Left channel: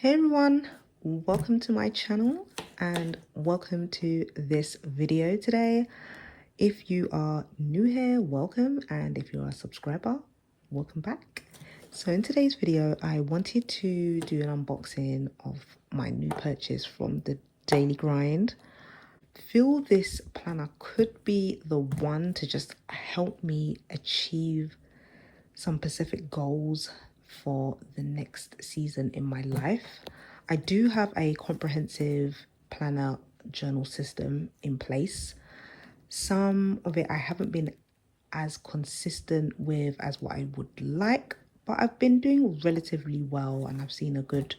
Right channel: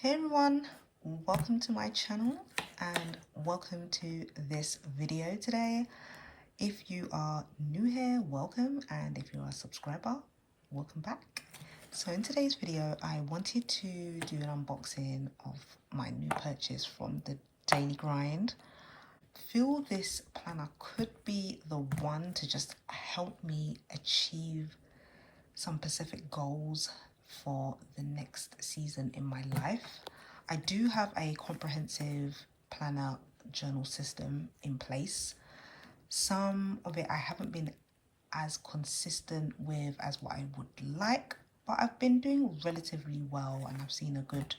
Hey everyone, welcome to my channel and welcome to this video today. If you are new here, welcome, and if you're a subscriber, welcome back. So in today's video, I wanted to do an unboxing of my new purchase from the Daily Grind. Feel this planner could be the one to just help me achieve some specific goals for the next season in my life. I do have a comprehensive planner journal system in place. Some of it I haven't been as consistent with as what I would like, but I've been doing relatively well and I've seen a good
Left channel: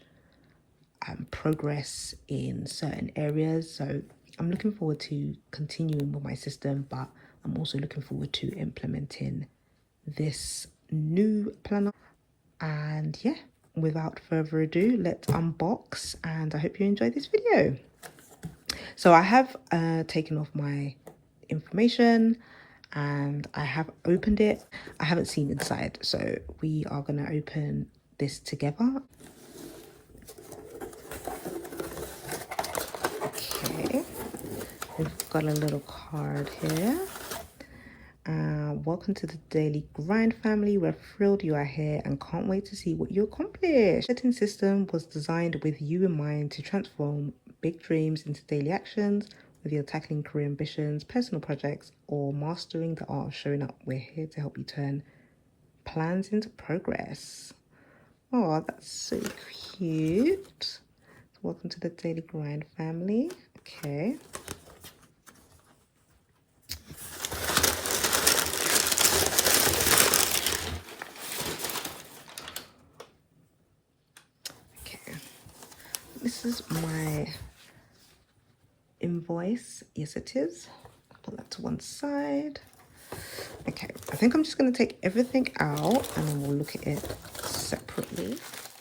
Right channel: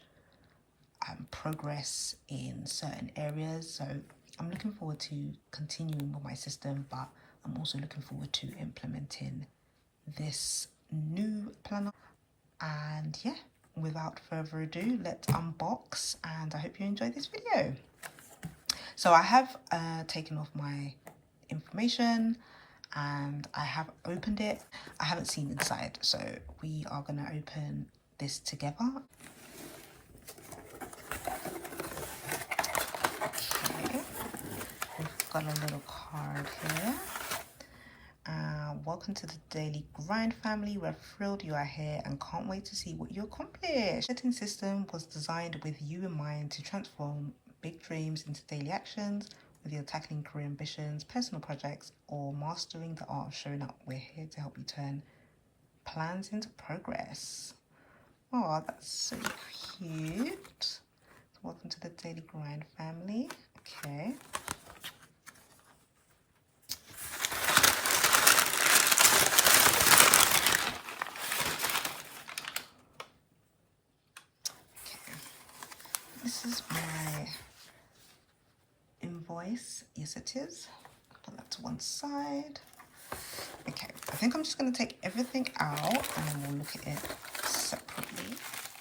progress in certain areas. So I'm looking forward to continuing with my system, but I'm also looking forward to implementing this new planner. And yeah, without further ado, let's unbox, and I hope you enjoy this video. So I have taken off my information and I have opened it. I haven't seen inside, so we are going to open this together. Okay, we've got a little card here. Welcome to the Daily Grind family. We're thrilled you are here and can't wait to see what you accomplish. The setting system was designed with you in mind to transform big dreams into daily actions. Whether you're tackling career ambitions, personal projects, or mastering the art of showing up, we're here to help you turn plans into progress. Oh, that's so cute. So welcome to the Daily Grind family. Okay. This is my invoice. Yes, it is. Put that to one side. Okay, I think I'm just going to take everything out and then we'll look at it separately.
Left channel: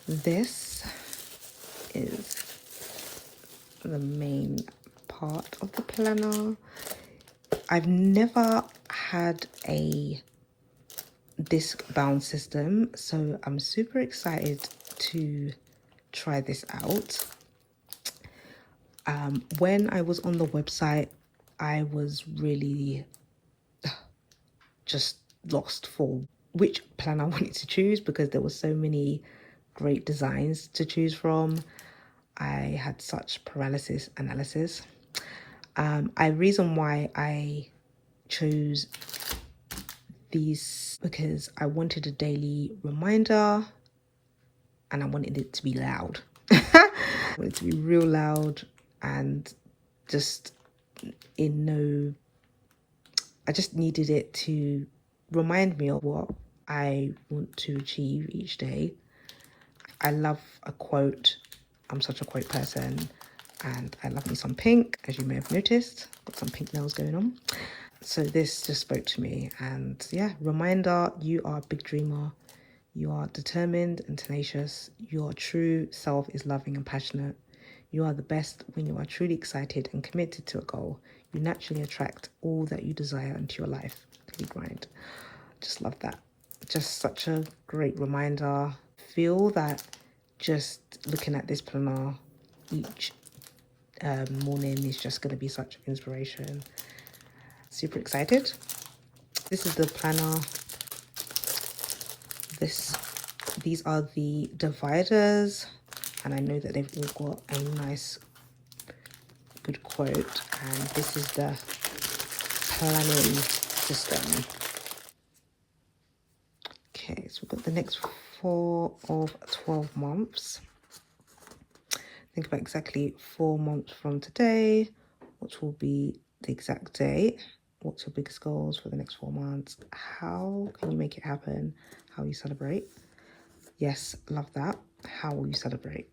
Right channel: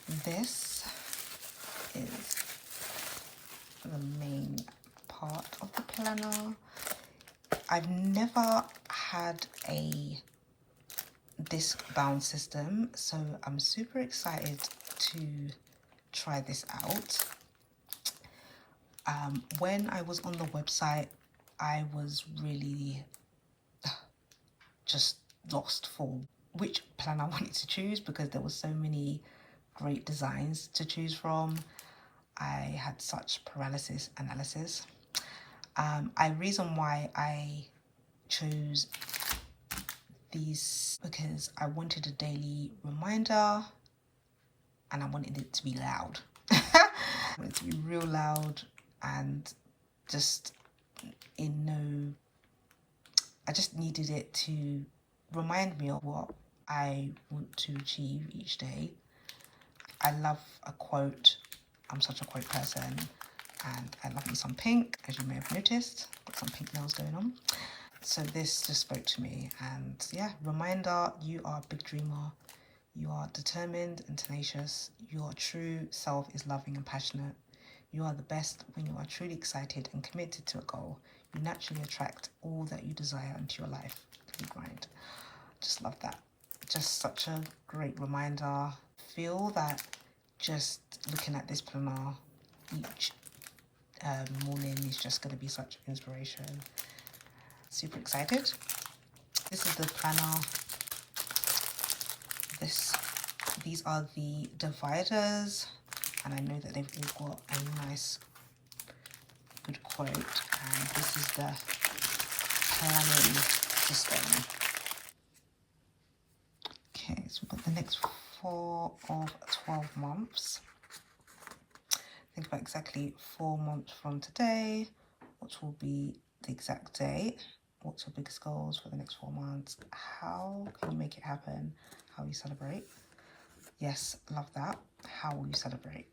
This is the main part of the planner. I've never had a disc bound system, so I'm super excited to try this out. When I was on the website, I was really just lost for which plan I wanted to choose because there were so many great designs to choose from. I had such paralysis analysis. Reason why I chose these because I wanted a daily reminder and I wanted it to be loud. I wanted it to be real loud and just I just needed it to remind me of what I want to achieve each day. I love a quote. I'm such a quote person and I love me some pink, as you may have noticed. Got some pink nails going on. So this just spoke to me, and yeah, reminder, you are a big dreamer. You are determined and tenacious. Your true self is loving and passionate. You are the best when you are truly excited and committed to a goal. You naturally attract all that you desire into your life. Daily Grind. Just love that. Just such a great reminder. Feel that just looking at this planner each morning is just going to be such inspiration. Super excited. This is the planner. These are the dividers, and I know that they've all got a nice good quote, and this is the planning system. Okay, so we've got the next 4 of 12 months. Think about exactly 4 months from today, which will be the exact date. What's your biggest goals for the next 4 months? How can you make it happen? How will you celebrate? Yes, love that. How will you celebrate?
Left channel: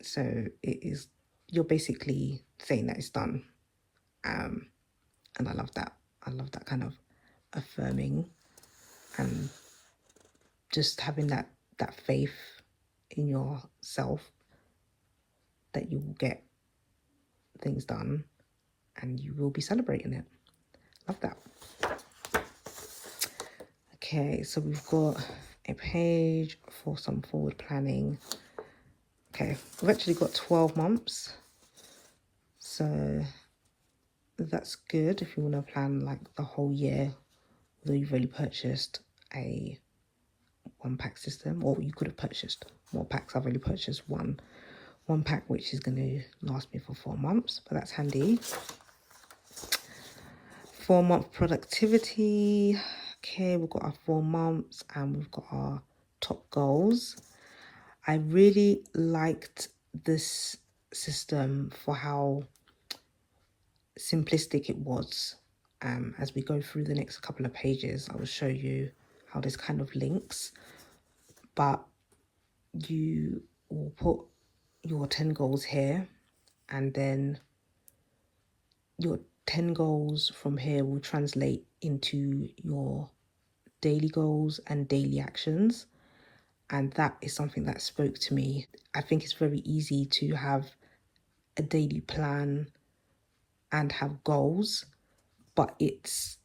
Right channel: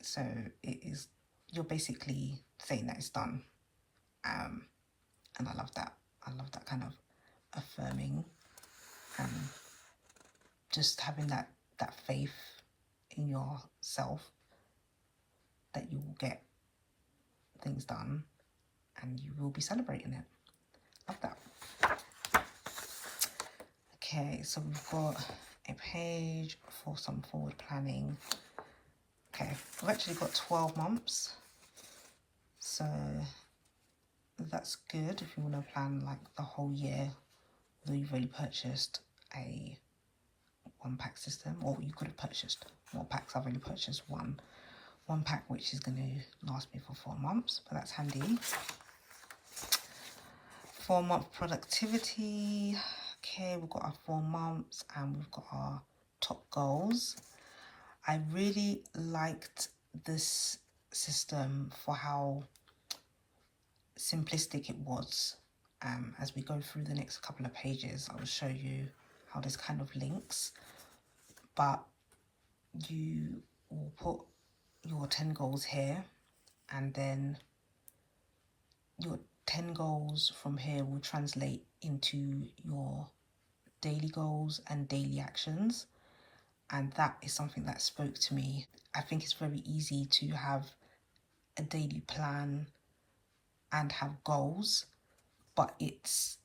So it is, you're basically saying that it's done. And I love that. I love that kind of affirming and just having that faith in yourself that you will get things done and you will be celebrating it. Love that. Okay, so we've got a page for some forward planning. Okay, we've actually got 12 months. So that's good if you want to plan like the whole year, although you've only purchased a 1-pack system, or you could have purchased more packs. I've only purchased one pack, which is going to last me for 4 months, but that's handy. 4-month productivity. Okay, we've got our 4 months and we've got our top goals. I really liked this system for how simplistic it was. As we go through the next couple of pages, I will show you how this kind of links, but you will put your 10 goals here, and then your 10 goals from here will translate into your daily goals and daily actions. And that is something that spoke to me. I think it's very easy to have a daily plan and have goals, but it's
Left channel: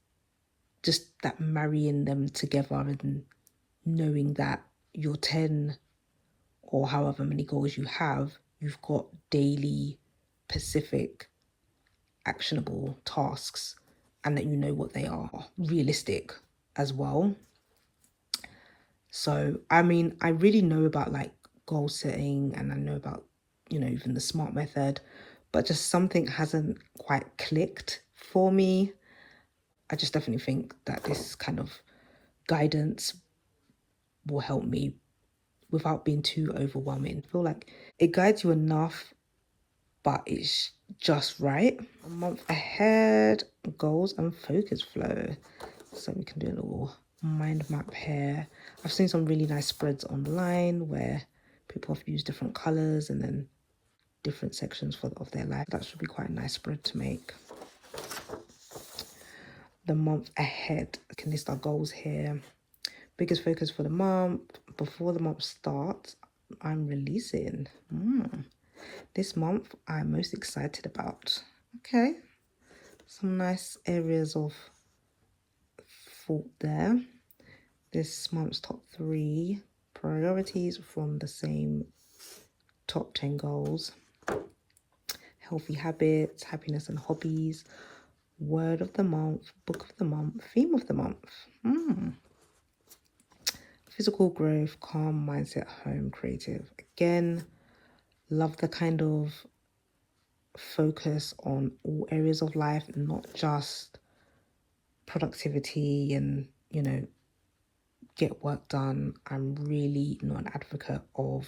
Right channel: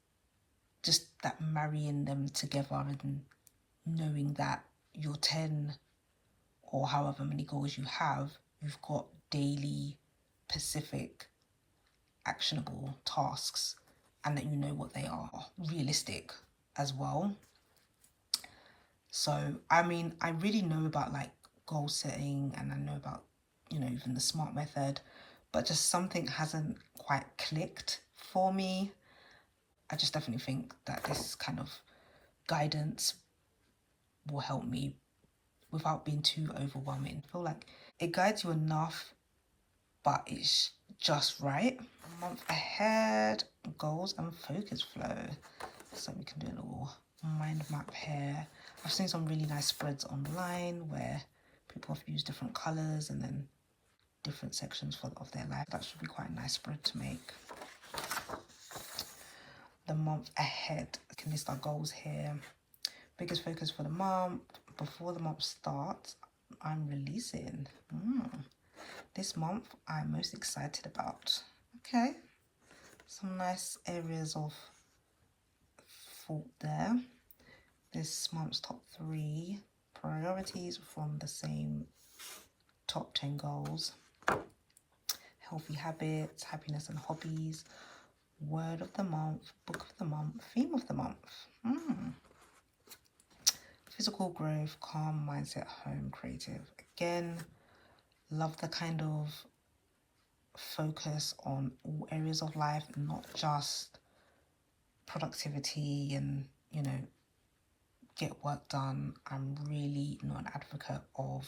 just that marrying them together and knowing that your 10 or however many goals you have, you've got daily specific actionable tasks, and that you know what they are, realistic as well. So I mean, I really know about like goal setting, and I know about, you know, even the SMART method, but just something hasn't quite clicked for me. I just definitely think that this kind of guidance will help me without being too overwhelming. I feel like it guides you enough, but it's just right. A month ahead, goals and focus flow. So we can do a little mind map here. I've seen some really nice spreads online where people have used different colors and then different sections of their life. That should be quite a nice spread to make. The month ahead, I can list our goals here. Biggest focus for the month. Before the month starts, I'm releasing. This month I'm most excited about. Okay, some nice areas of thought there. This month's top 3 priorities from the same top 10 goals. Healthy habits, happiness and hobbies, word of the month, book of the month, theme of the month. Physical growth, calm mindset, home, creative. Again, love the kind of focus on all areas of life, not just productivity and, you know, get work done. I'm really not an advocate of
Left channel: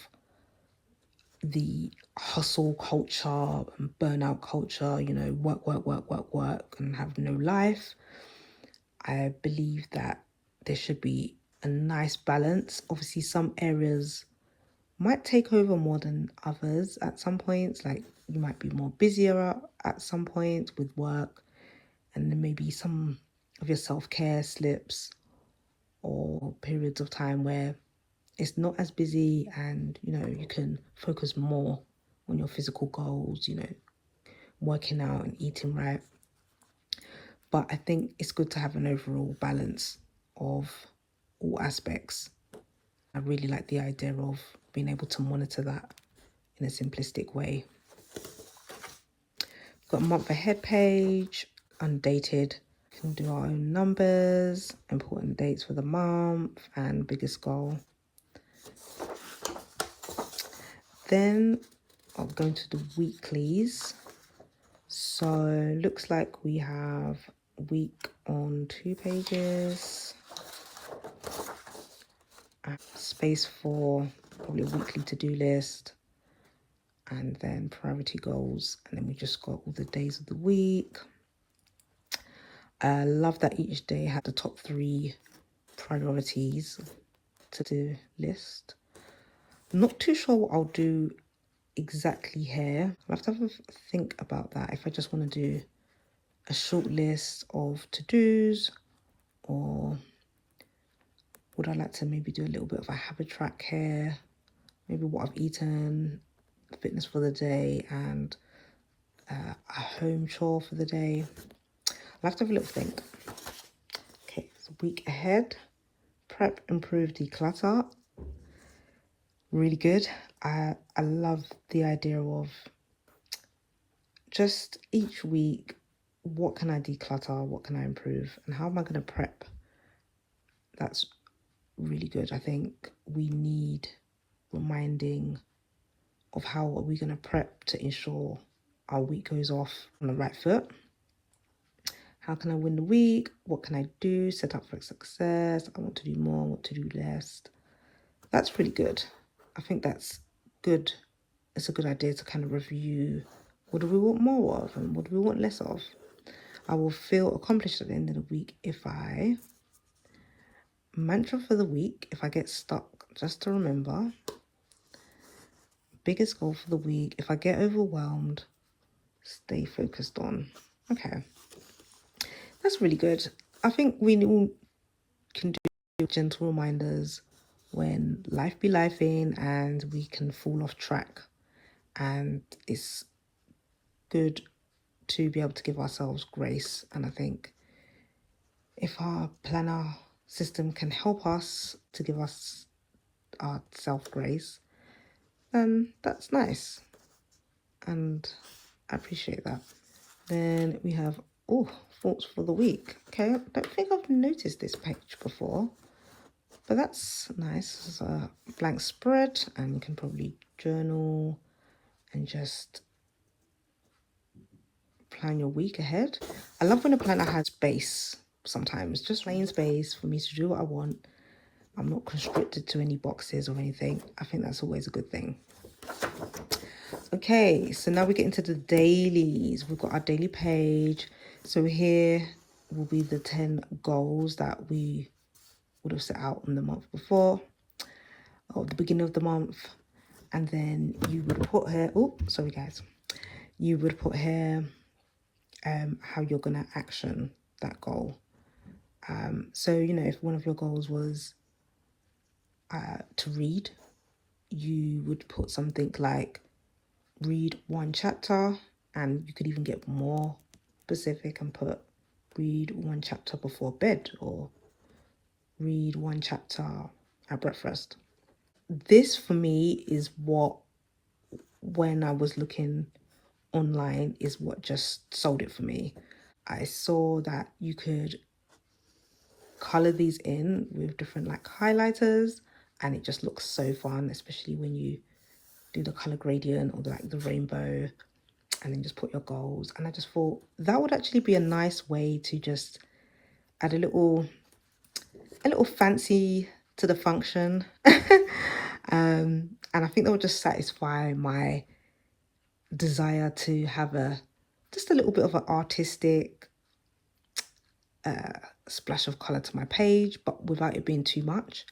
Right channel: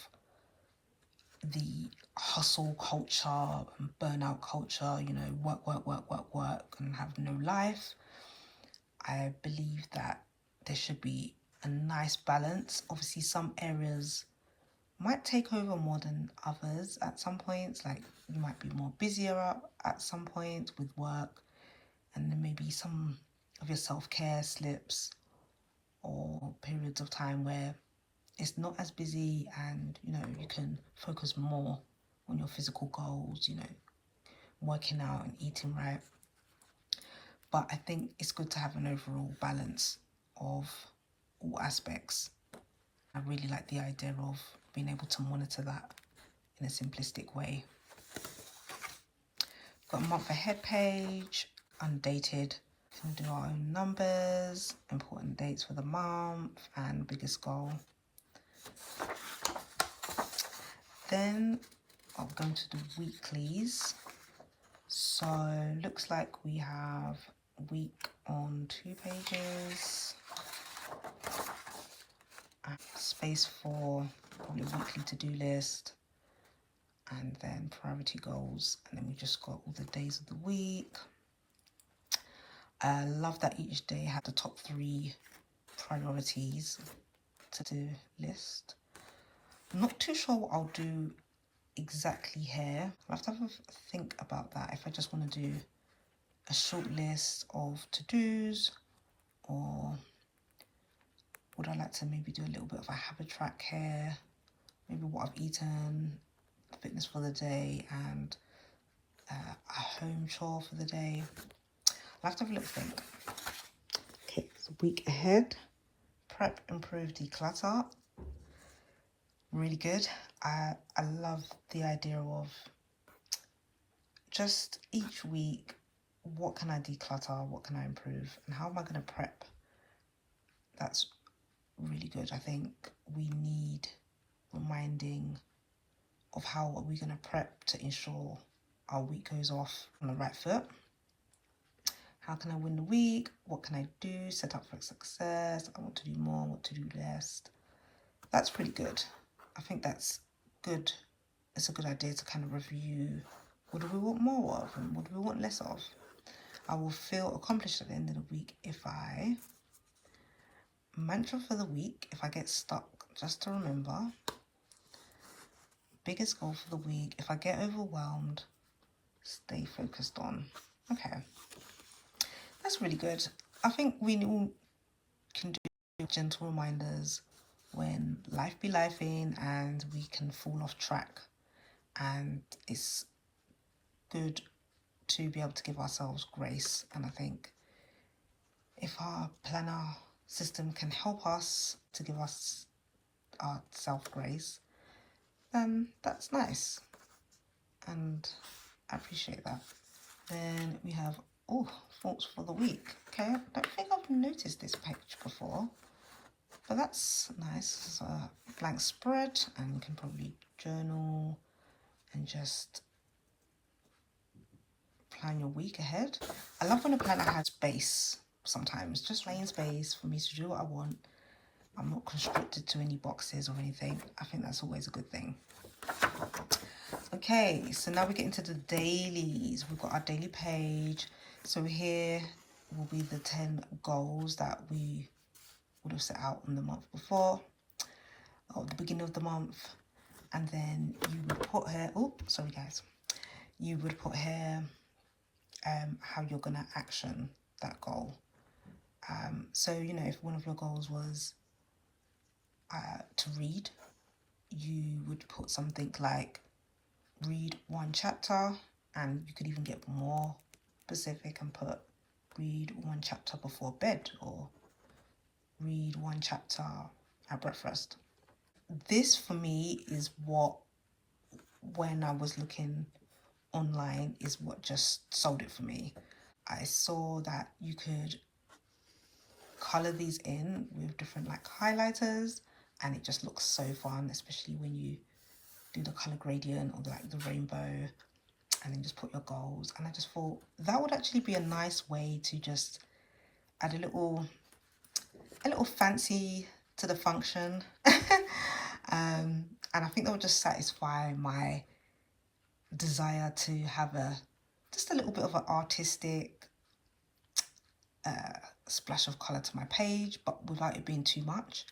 the hustle culture and burnout culture, you know, work and have no life. I believe that there should be a nice balance. Obviously, some areas might take over more than others at some points. Like you might be more busier at some points with work, and then maybe some of your self-care slips, or periods of time where it's not as busy and, you know, you can focus more on your physical goals, you know, working out and eating right. But I think it's good to have an overall balance of all aspects. I really like the idea of being able to monitor that in a simplistic way. Got a month ahead page, undated. Can do our own numbers, important dates for the month, and biggest goal. Then I'll go into the weeklies. So looks like we have week on 2 pages. Space for probably a weekly to-do list, and then priority goals, and then we just got all the days of the week. I love that each day had the top 3 priorities to do list. Not too sure what I'll do exactly here. I'll have to have a think about that, if I just want to do a short list of to-dos, or would I like to maybe do a little bit of a habit track here, maybe what I've eaten, fitness for the day, and a home chore for the day. I'll have to have a little think. Okay, so week ahead, prep, improve, declutter. Really good. I love the idea of just each week, what can I declutter, what can I improve, and how am I going to prep? That's really good. I think we need reminding of how are we going to prep to ensure our week goes off on the right foot. How can I win the week? What can I do? Set up for success. I want to do more, what to do less. That's pretty good. I think that's good. It's a good idea to kind of review, what do we want more of and what do we want less of? I will feel accomplished at the end of the week if I, mantra for the week, if I get stuck, just to remember, biggest goal for the week, if I get overwhelmed, stay focused on. Okay, that's really good. I think we all can do gentle reminders when life be lifing and we can fall off track. And it's good to be able to give ourselves grace. And I think if our planner system can help us to give us our self-grace, then that's nice. And I appreciate that. Then we have, thoughts for the week. Okay, I don't think I've noticed this page before, but that's nice. It's a blank spread and you can probably journal and just plan your week ahead. I love when a planner has space sometimes, just plain space for me to do what I want. I'm not constricted to any boxes or anything. I think that's always a good thing. Okay, so now we get into the dailies. We've got our daily page. So here will be the 10 goals that we would have set out on the month before, or the beginning of the month. And then you would put here, you would put here how you're going to action that goal. So, if one of your goals was to read, you would put something like read one chapter, and you could even get more specific and put read one chapter before bed or read one chapter at breakfast. This for me is what, when I was looking online, is what just sold it for me. I saw that you could color these in with different highlighters, and it just looks so fun, especially when you do the color gradient or the rainbow, and then just put your goals. And I just thought that would actually be a nice way to just add a little fancy to the function. And I think that would just satisfy my desire to have just a little bit of an artistic splash of color to my page, but without it being too much.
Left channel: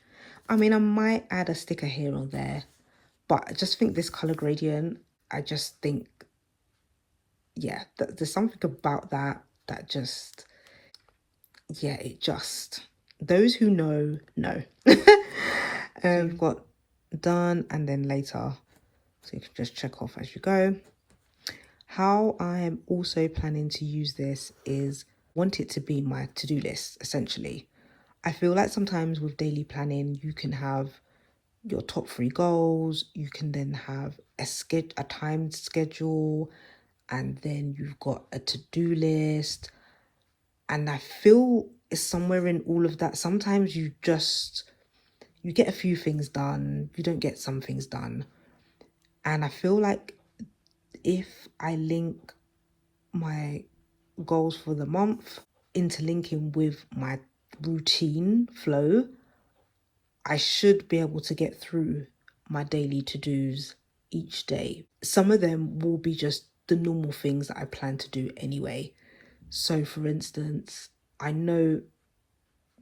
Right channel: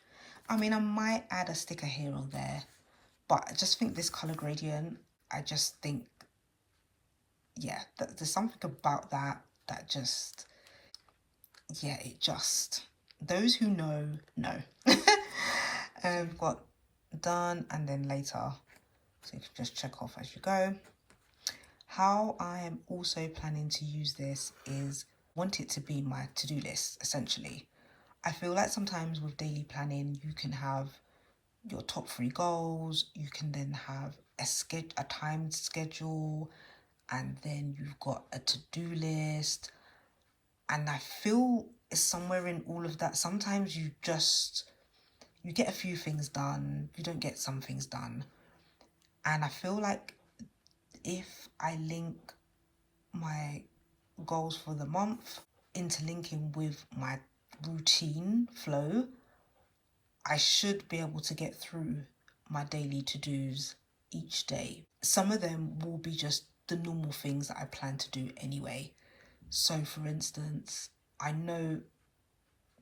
I mean, I might add a sticker here or there, but I just think this color gradient, I just think, yeah, there's something about that just, yeah, it just, those who know. We've got done and then later, so you can just check off as you go. How I am also planning to use this is, want it to be my to-do list, essentially. I feel like sometimes with daily planning, you can have your top 3 goals, you can then have a timed schedule, and then you've got a to-do list. And I feel it's somewhere in all of that. Sometimes you get a few things done, you don't get some things done. And I feel like if I link my goals for the month interlinking with my routine flow, I should be able to get through my daily to-dos each day. Some of them will be just the normal things that I plan to do anyway. So for instance, I know,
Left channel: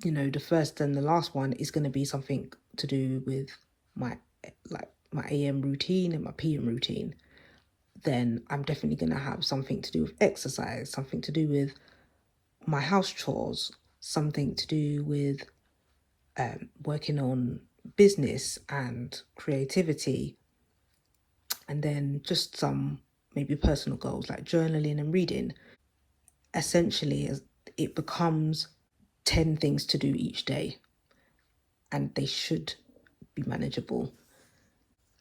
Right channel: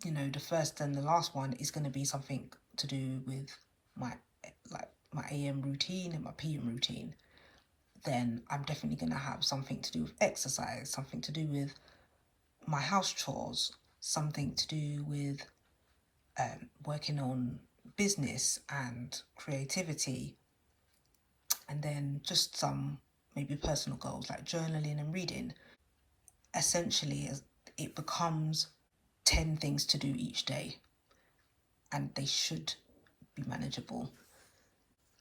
the first and the last one is going to be something to do with my AM routine and my PM routine. Then I'm definitely going to have something to do with exercise, something to do with my house chores, something to do with working on business and creativity, and then just some maybe personal goals like journaling and reading. Essentially, it becomes 10 things to do each day, and they should be manageable.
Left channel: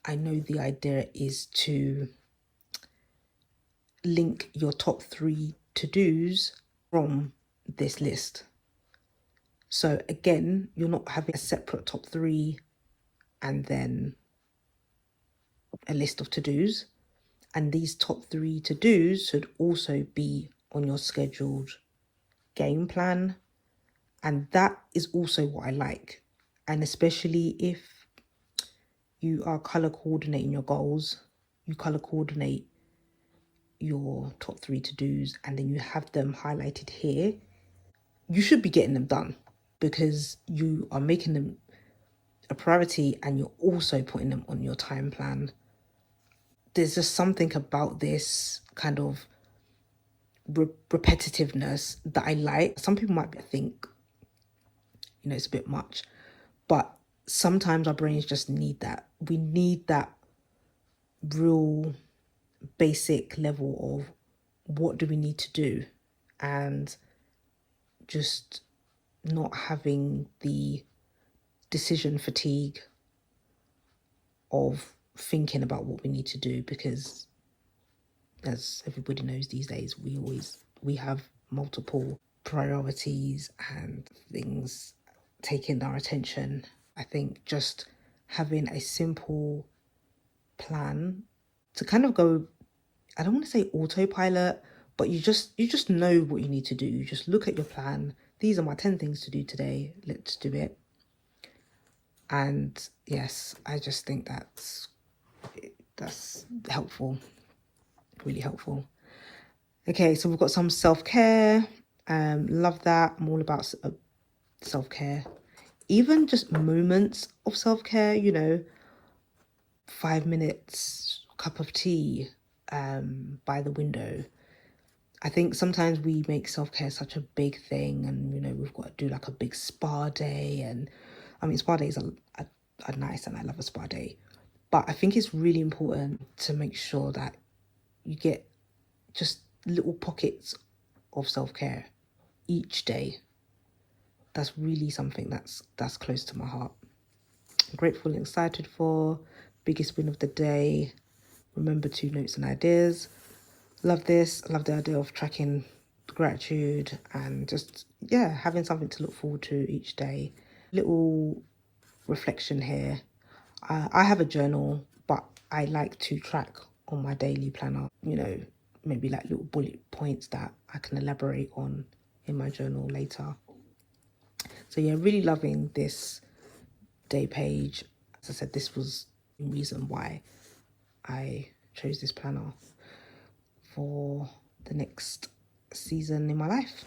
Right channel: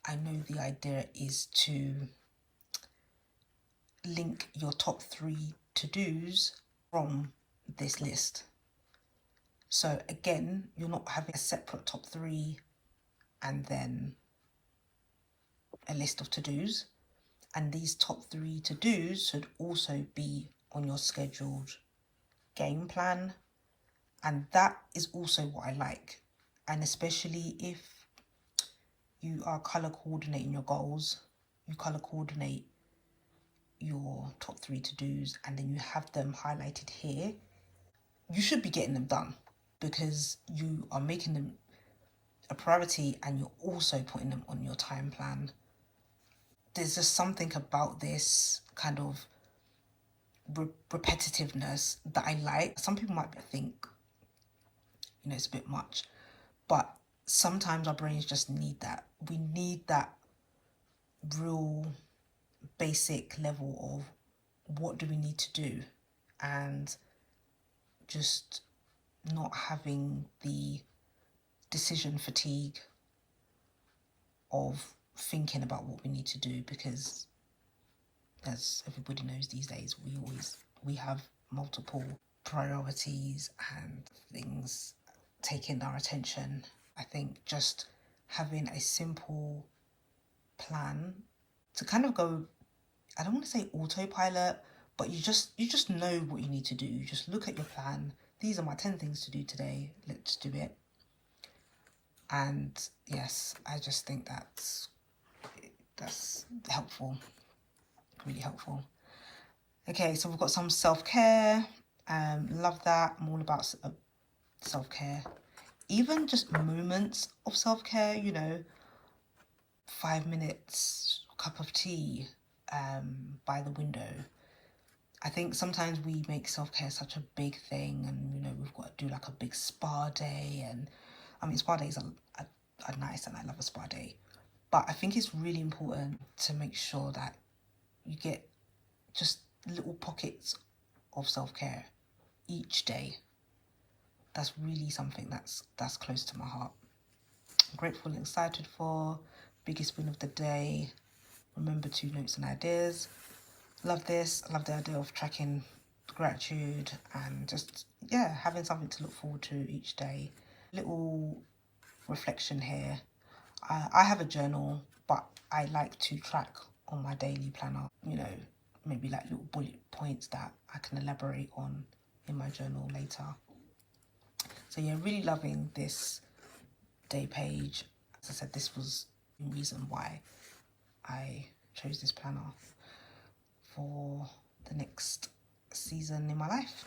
I know the idea is to link your top 3 to-dos from this list. So again, you're not having a separate top 3 and then a list of to-dos. And these top 3 to-dos should also be on your scheduled game plan. And that is also what I like. And especially if you are color coordinating your goals, you color coordinate your top 3 to-dos, and then you have them highlighted here, you should be getting them done because you are making them a priority and you're also putting them on your time plan. There's just something about this kind of repetitiveness that I like. Some people might think, it's a bit much, but sometimes our brains just need that. We need that real basic level of what do we need to do, and just not having the decision fatigue of thinking about what we need to do, because as everybody knows these days, we have multiple priorities and things taking our attention. I think just having a simple plan to kind of go, I don't want to say autopilot, but you just know what you need to do. You just look at your plan. These are my 10 things to do today. Let's do it. And yes, I just think that's helpful, really helpful. Okay, so we've got some self-care. Love that. I'm all about self-care. Even just moments of self-care, 5 minutes, cup of tea by the window. I think sometimes we make self-care such a big thing, and we've got to do like a big spa day, and spa days are nice and I love a spa day, but I think it's really important to make sure that you get just little pockets of self-care each day. That's really something that's close to my heart. I'm grateful and excited for. Biggest win of the day. Remember 2 notes and ideas. Love this. I love the idea of tracking gratitude and just, having something to look forward to each day. Little reflection here. I have a journal, but I like to track on my daily planner, maybe like little bullet points that I can elaborate on in my journal later. So really loving this day page. As I said, this was the reason why I chose this planner for the next season in my life.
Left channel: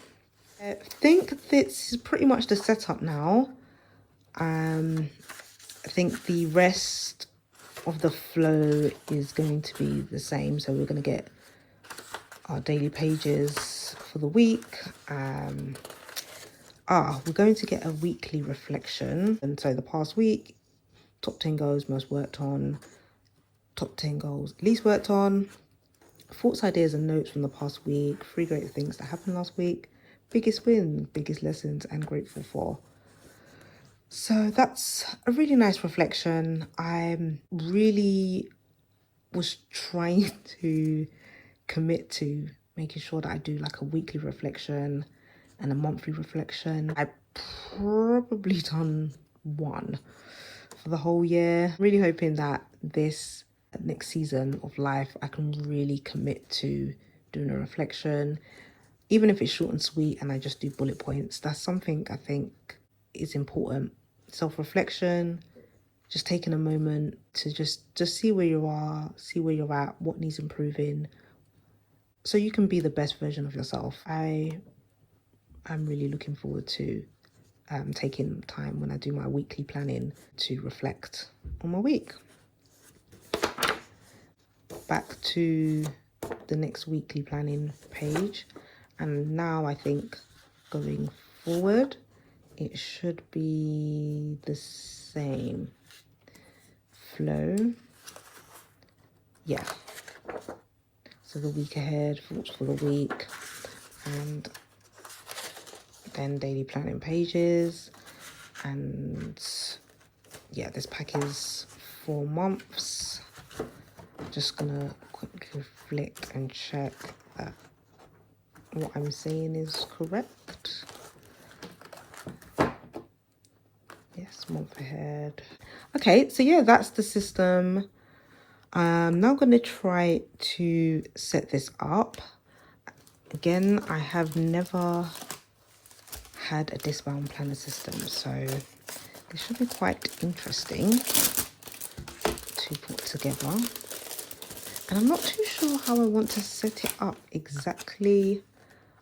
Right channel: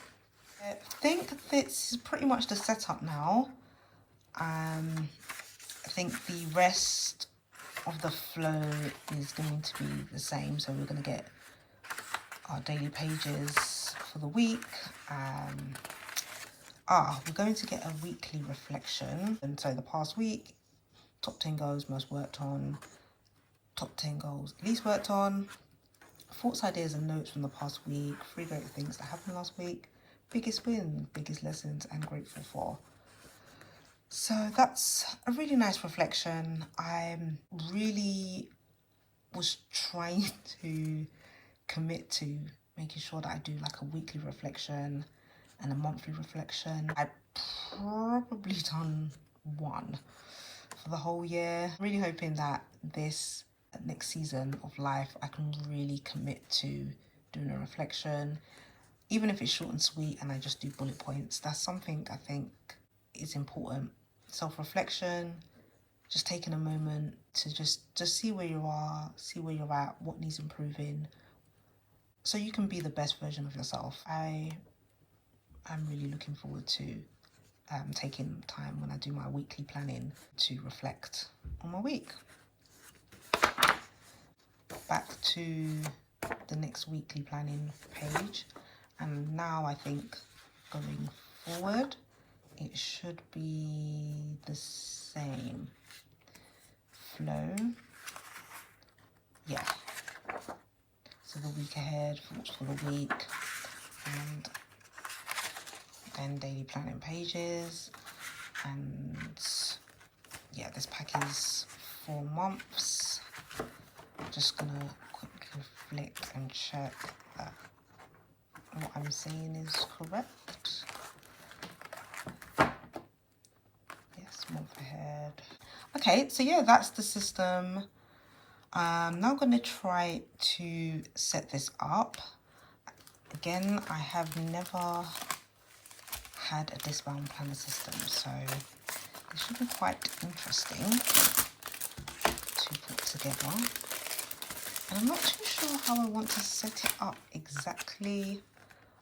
I think this is pretty much the setup now. I think the rest of the flow is going to be the same. So we're going to get our daily pages for the week. We're going to get a weekly reflection. And so the past week, top 10 goals most worked on, top 10 goals least worked on, thoughts, ideas and notes from the past week, 3 great things that happened last week, biggest win, biggest lessons and grateful for. So that's a really nice reflection. I really was trying to commit to making sure that I do like a weekly reflection and a monthly reflection. I probably done 1 for the whole year. Really hoping that this next season of life I can really commit to doing a reflection, even if it's short and sweet and I just do bullet points. That's something I think is important. Self-reflection, just taking a moment to just see where you are, see where you're at, what needs improving, so you can be the best version of yourself. I'm really looking forward to taking time when I do my weekly planning to reflect on my week. Back to the next weekly planning page, and now I think going forward it should be the same flow. So the week ahead, thoughts for the week, and then daily planning pages. And this pack is 4 months. Just gonna quickly flick and check that what I'm saying is correct. Yes, month ahead. Okay, so yeah, that's the system. I'm now going to try to set this up. Again, I have never had a discbound planner system, so it should be quite interesting to put together. And I'm not too sure how I want to set it up exactly.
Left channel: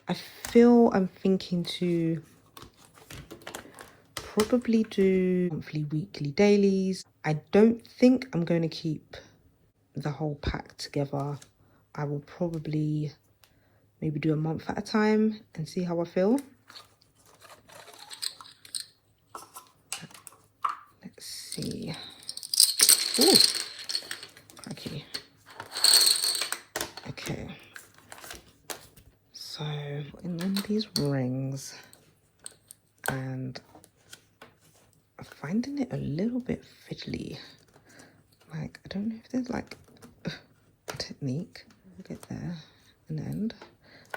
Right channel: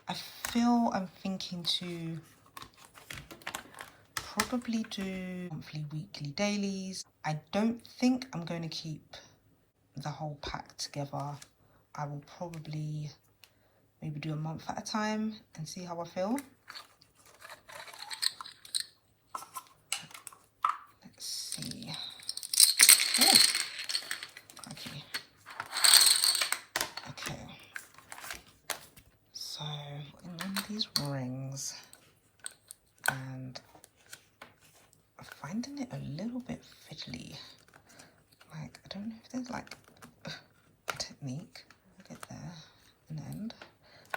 I feel I'm thinking to probably do monthly, weekly, dailies. I don't think I'm going to keep the whole pack together. I will probably maybe do a month at a time and see how I feel. Let's see. Ooh. Okay. Okay. So in these rings, and I'm finding it a little bit fiddly. Like, I don't know if there's like a technique. We'll get there in the end.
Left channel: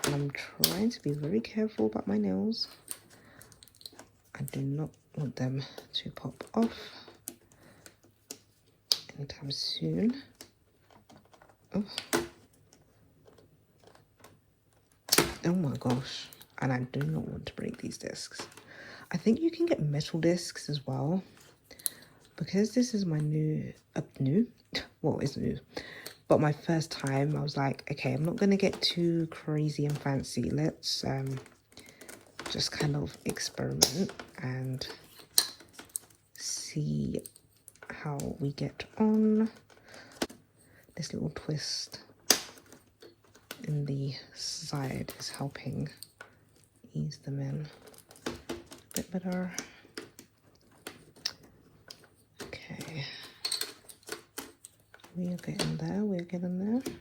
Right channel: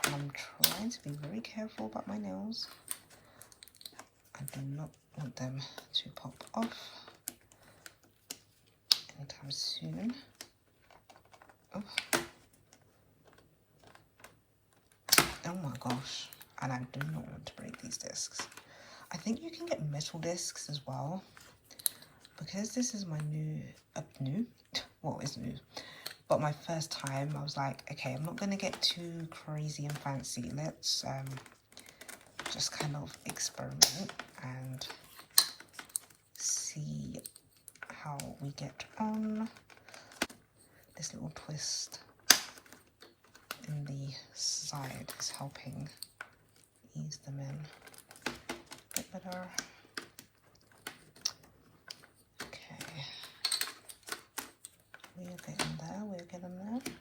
I'm trying to be very careful about my nails. I do not want them to pop off anytime soon. Oh. Oh my gosh. And I do not want to break these discs. I think you can get metal discs as well. Because this is my well, it's new. But my first time, I was like, okay, I'm not going to get too crazy and fancy. Let's just kind of experiment and see how we get on. This little twist in the side is helping ease them in a bit better. Okay, we're getting there, we're getting there.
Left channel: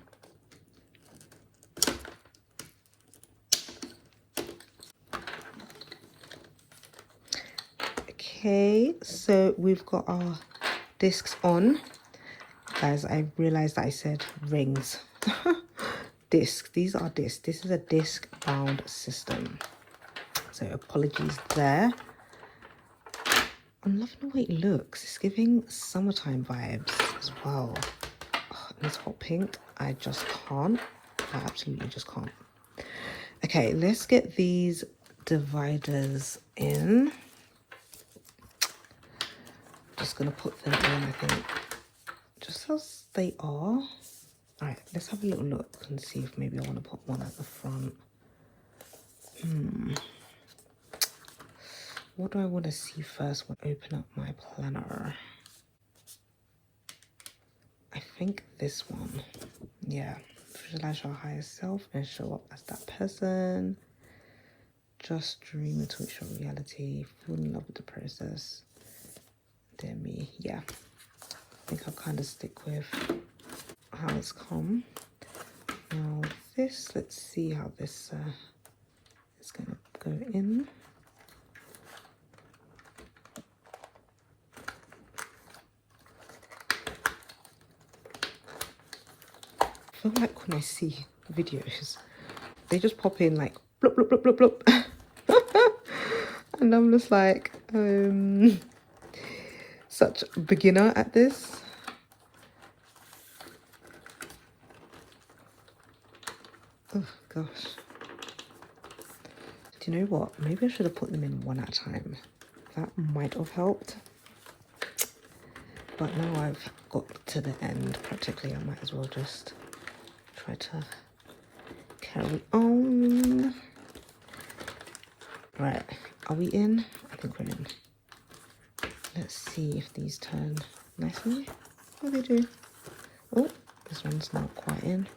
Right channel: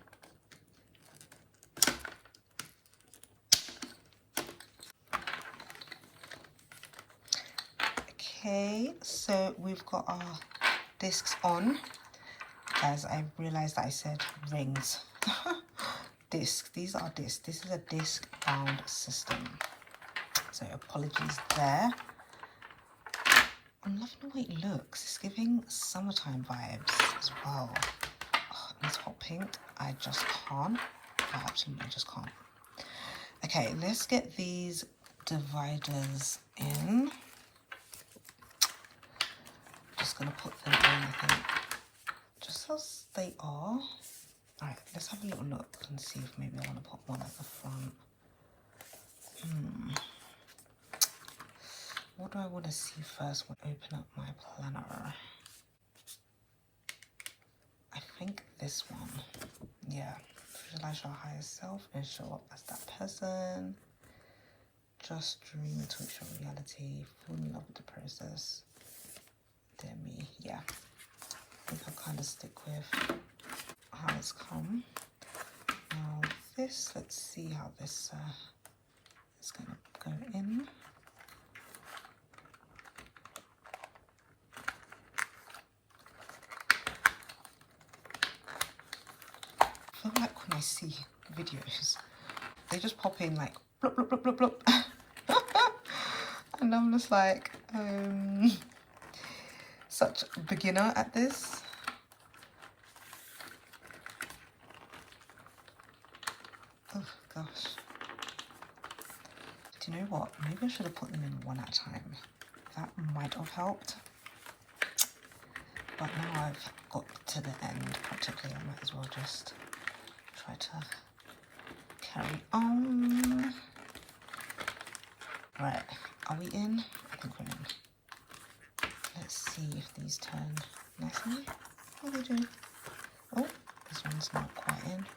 Okay, so we've got our discs on. Guys, I realized that I said rings. Discs, these are discs. This is a disc bound system. So apologies there. I'm loving the way it looks. It's giving summertime vibes as well. Oh, this hot pink, I just can't. I absolutely just can't. Okay, let's get these dividers in. Just gonna put them in, I think, just as they are. All right, let's have a little look and see if maybe I want to put one at the front. What do I want to see first when I open up my planner? I think this one. Yeah. Visualize your higher self and show up as that person. Just dream until it's your reality. Fall in love with the process. Dear me. Yeah. I think I'll kind of stick with how it's come. Now this, let's see how this is going to go in. I feel like when I see videos, they just pop in like blop, blop, blop, blop, blop. And I'm just like, such a beginner at this. Oh gosh. Do you know what? Maybe I should have put them in one at a time. That might have helped. But now I've got to the end practically, I might as well just try to carry on. Right, are we in? I think we're in. Let's see if these turn nicely. Oh, they do. Oh, this one's not quite in.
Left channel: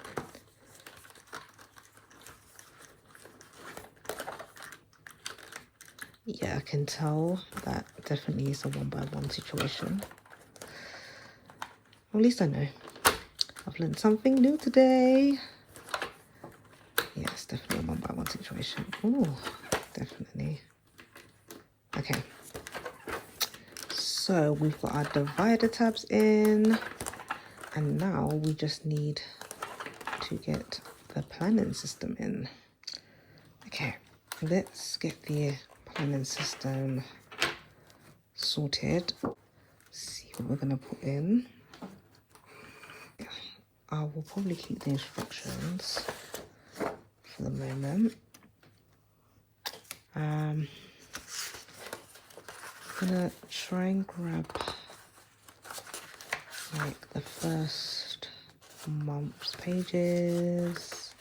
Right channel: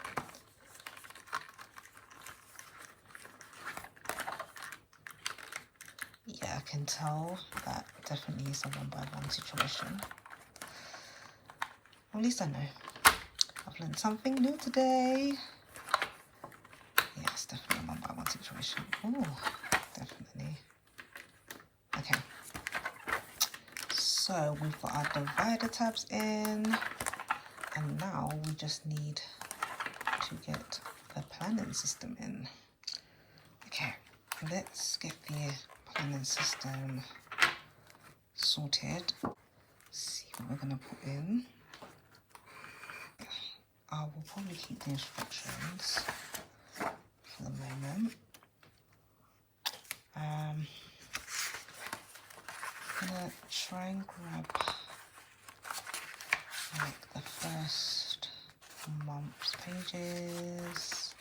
Yeah, I can tell that definitely is a 1x1 situation. At least I know. I've learned something new today. Yeah, it's definitely a 1x1 situation. Ooh, definitely. Okay. So we've got our divider tabs in, and now we just need to get the planning system in. Okay, let's get the planning system sorted. See what we're gonna put in. I will probably keep the instructions for the moment. I'm gonna try and grab like the first month's pages.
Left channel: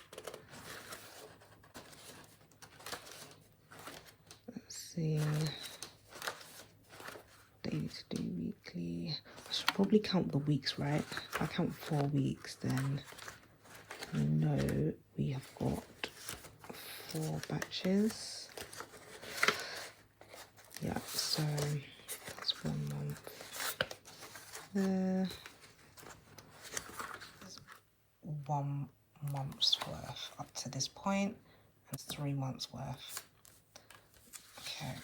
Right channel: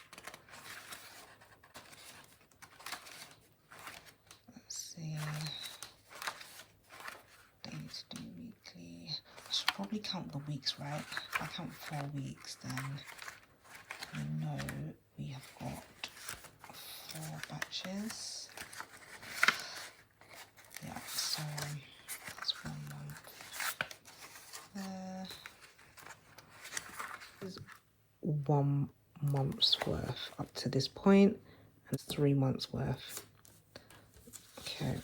Let's see. Daily to do, weekly. I should probably count the weeks, right? If I count 4 weeks, then I know we have got 4 batches. Yeah, so that's 1 month there. There's 1 month's worth up to this point, and 3 months worth. Okay.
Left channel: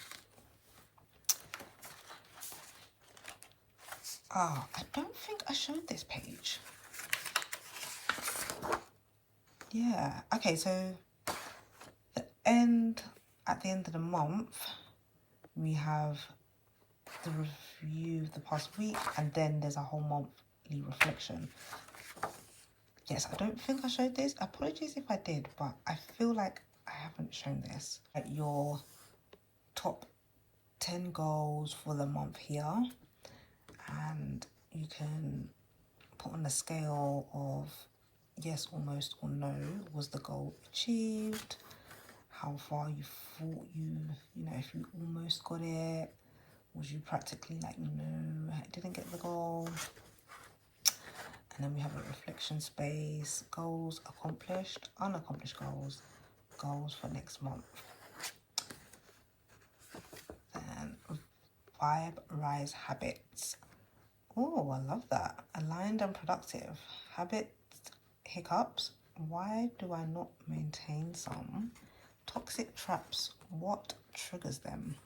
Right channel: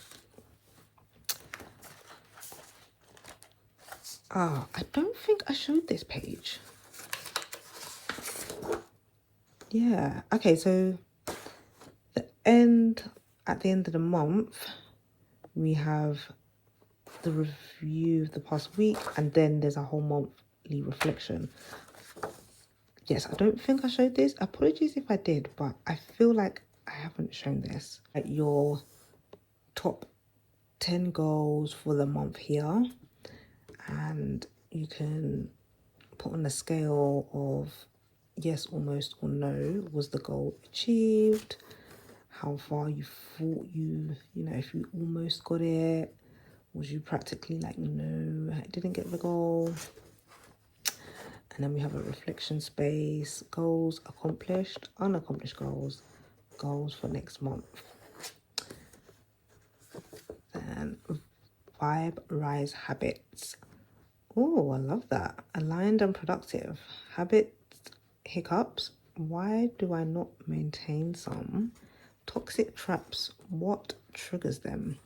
Ah, I don't think I showed this page. Yeah, okay, so at the end of the month, we have the review of the past week, and then there's a whole monthly reflection. Yes, I don't think I showed this. Apologies if I did, but I feel like I haven't shown this. Like your top 10 goals for the month here, and you can put on a scale of yes, almost, or no. Was the goal achieved? How far you thought you know, if you almost got it, was you practically like, no, I didn't get the goal. And then we have a reflection space, goals accomplished, unaccomplished goals, goals for next month. Then vibe rise habits. Oh, I love that. Aligned and productive. Habits, hiccups. Why do I not maintain some? Toxic traps. What triggers them?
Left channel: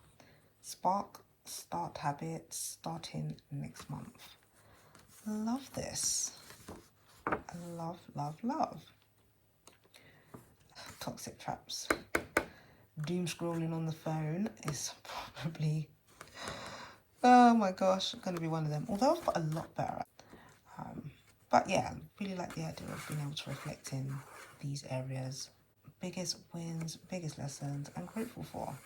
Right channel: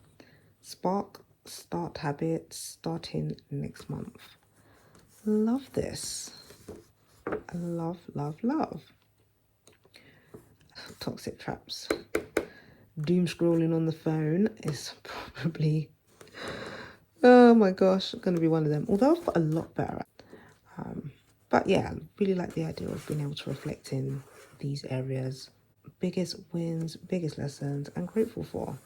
Spark, start habits, starting next month. Love this. Love, love, love. Toxic traps. Doom scrolling on the phone is probably, oh my gosh, going to be one of them. Although I've got a lot better. But yeah, I really like the idea of being able to reflect in these areas. Biggest wins, biggest lessons, I'm grateful for.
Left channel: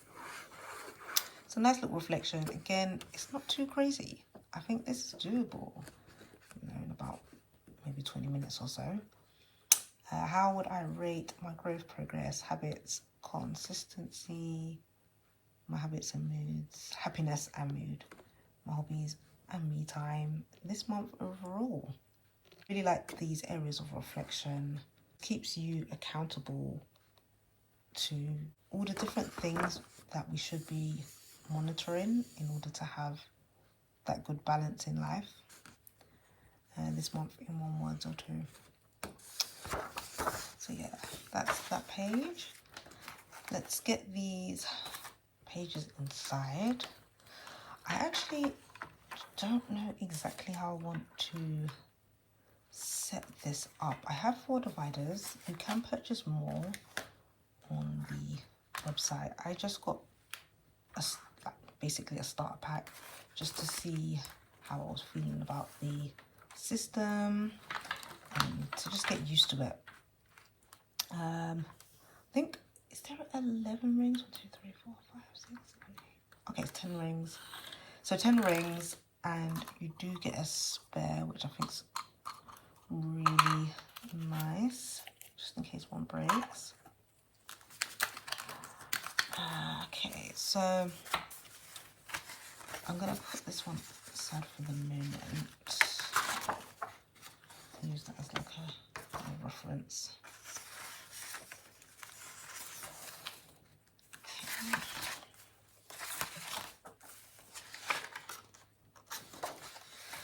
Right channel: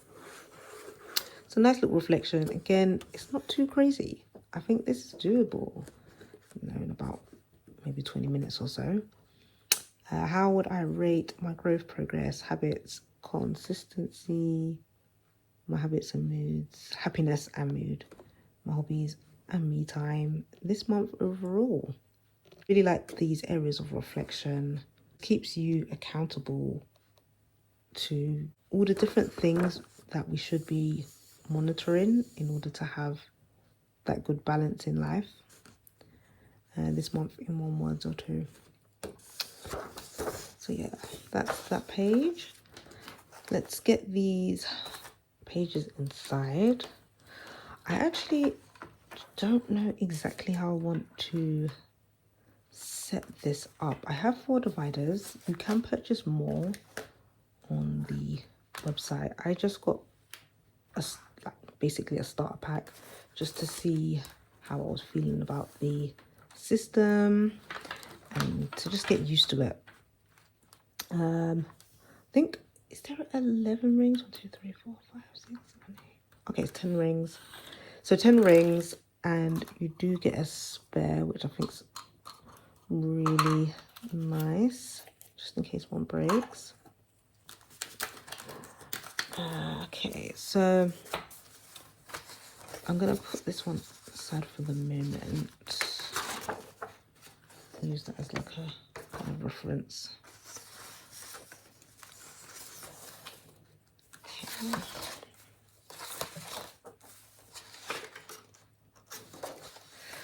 It's a nice little reflection. Again, it's not too crazy. I think this is doable, you know, in about maybe 20 minutes or so. How would I rate my growth, progress, habits, consistency, my habits and moods, happiness and mood, my hobbies and me time this month overall? Really like these areas of reflection. Keeps you accountable to all the different things that we should be monitoring in order to have that good balance in life. This month in 1 word or 2. So yeah, that's that page. Let's get these pages inside. I actually don't know exactly how I want to set this up. I have 4 dividers. You can purchase more on the website. I just got basically a starter pack just to see how I was feeling about the system and to just get used to it. I think, is there 11 rings? 1, 2, 3, 4, 5, 6, 7, 8. Okay, it's 10 rings. So 10 rings, and you do get a spare, which I think's really nice, just in case one breaks. Okay, so I'm gonna put this one aside for the moment. Use that as like a kind of reference. Okay.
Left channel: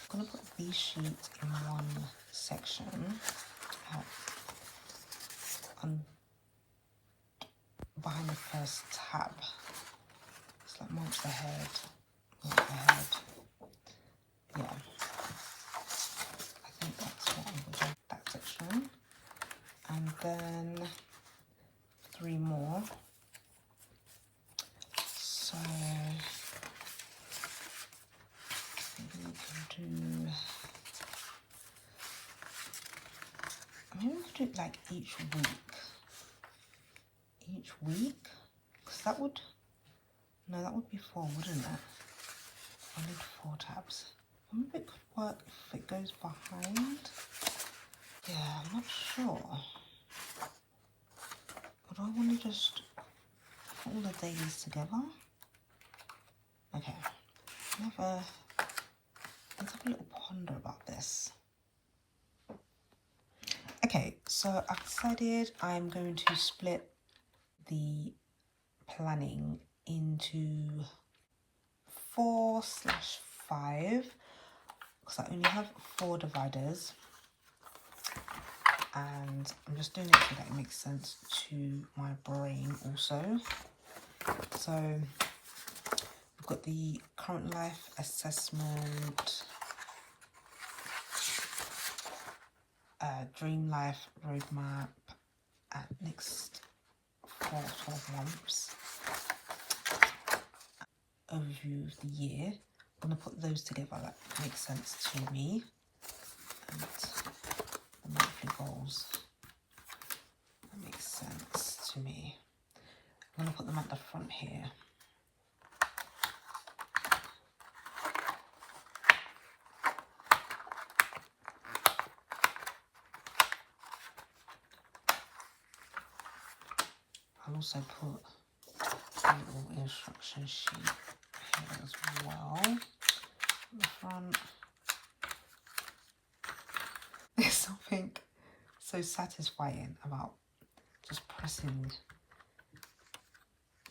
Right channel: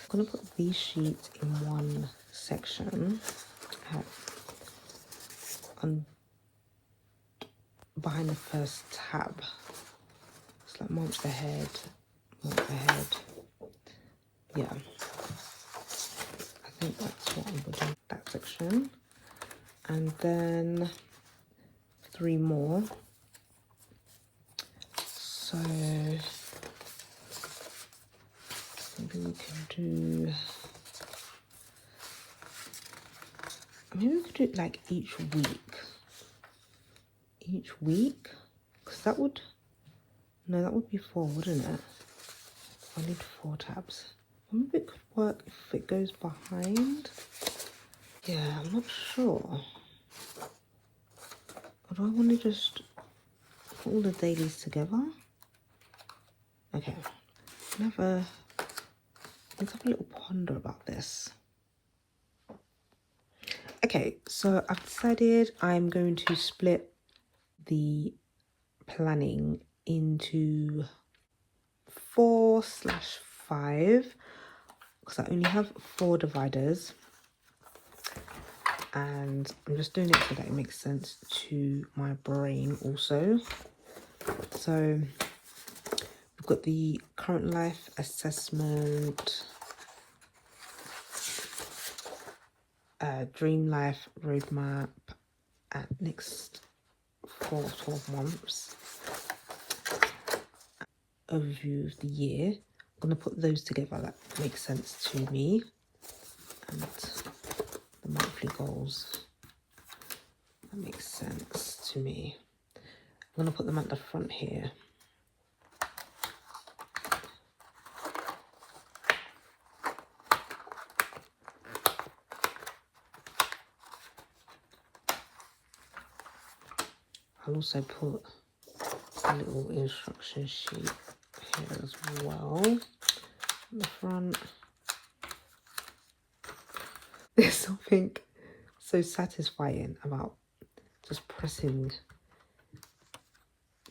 I'm gonna put these sheets in one section. Behind the first tab. It's like months ahead, month ahead. yeah, I think that's what I'm gonna do, that section. And then 3 more. So maybe we can do, maybe we could do it like each week. Each week? Because that would, no, that would be 4, wouldn't it? I need 4 tabs. Maybe it could work if it goes behind. Yeah, I'm not sure. Or do I want to just put all the dailies together? Okay, let's have a little ponder about this. Okay, so I've decided I'm going to split the planning into 4/5 because I only have 4 dividers, and I'm just doing it so that it makes sense to my brain also. So we've got the current life assessment, dream life roadmap, and next for 12 months, overview of the year. I'm going to put those together, that makes sense to me, and the monthly goals, that makes sense to me. I'm going to put them at the front here. I'll also put a little instruction sheet here as well in the front. There's something so satisfying about just pressing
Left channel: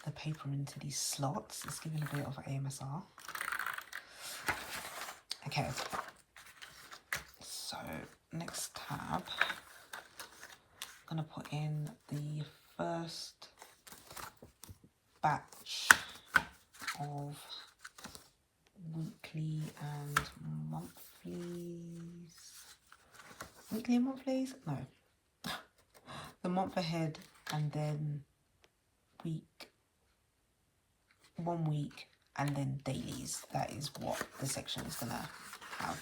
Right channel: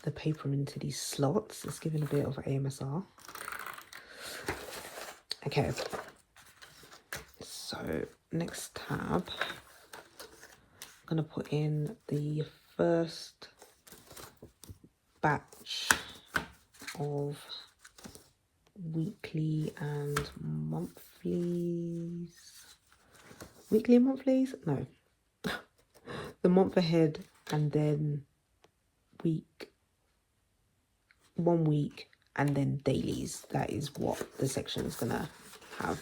the paper into these slots. It's giving a bit of AMSR. Okay, so next tab, I'm going to put in the first batch of weekly and monthlies. Weekly and monthlies? No. The month ahead, and then 1 week, and then dailies. That is what the section is gonna have.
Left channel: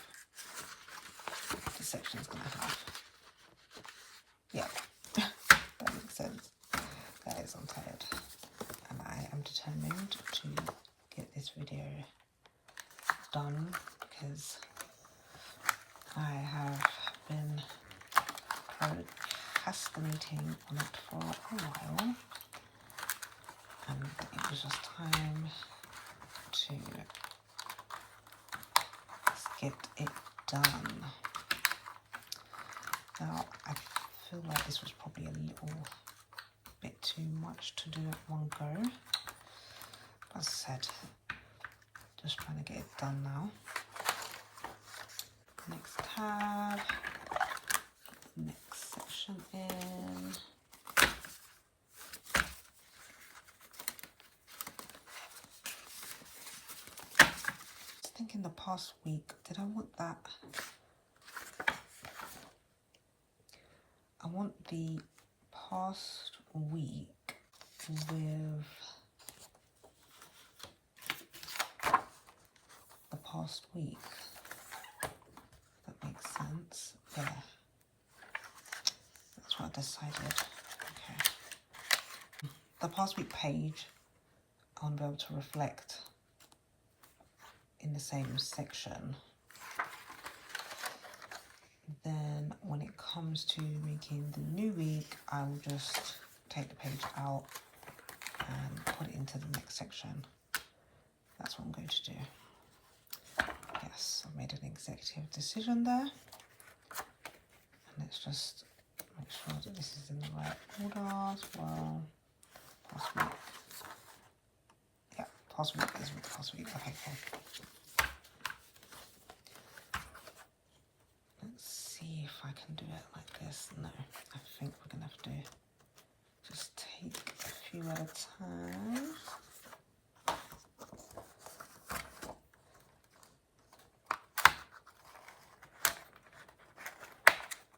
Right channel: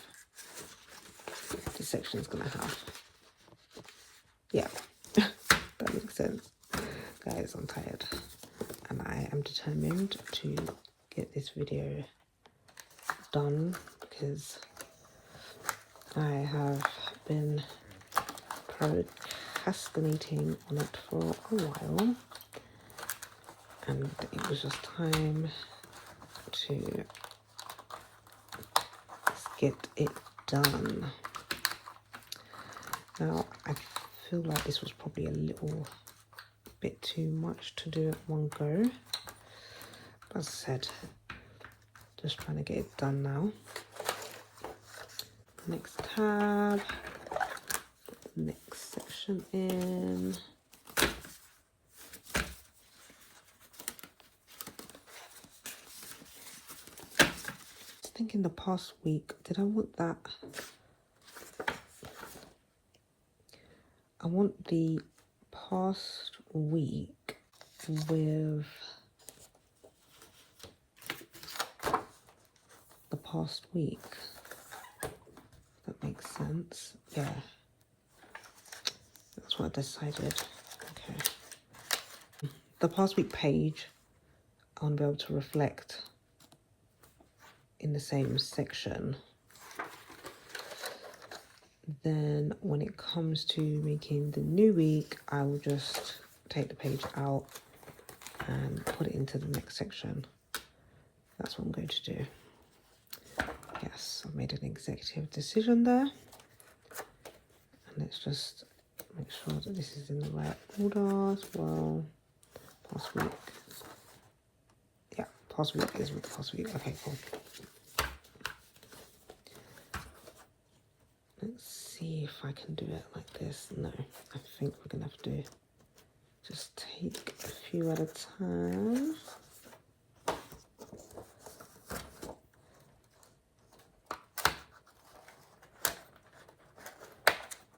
The section is gonna have. Yeah, that makes sense. Guys, I'm tired, and I am determined to get this video done because I have been procrastinating on it for a while, and it was just time to get it done. Now, I feel like this was probably a little bit too much to do at one go. But as I said, just trying to get it done now. Next tab, next section in. I was thinking the past week, did I want that? I want the past week with the past week. That makes sense. Yeah, that's what I decided. Okay. The past week page, I want to be able to reflect in the same section. Then when it comes to making the new week, I will just take the page out and put it into the next section. That's what I'm going to do. Yes, I've made an executive decision there. And let's just make sure that this is in the right order as well. Past week. Yeah, past week is with the past week. Okay, cool. Let's see if I can do it like this. No, I think we're gonna have to just take a few at a time.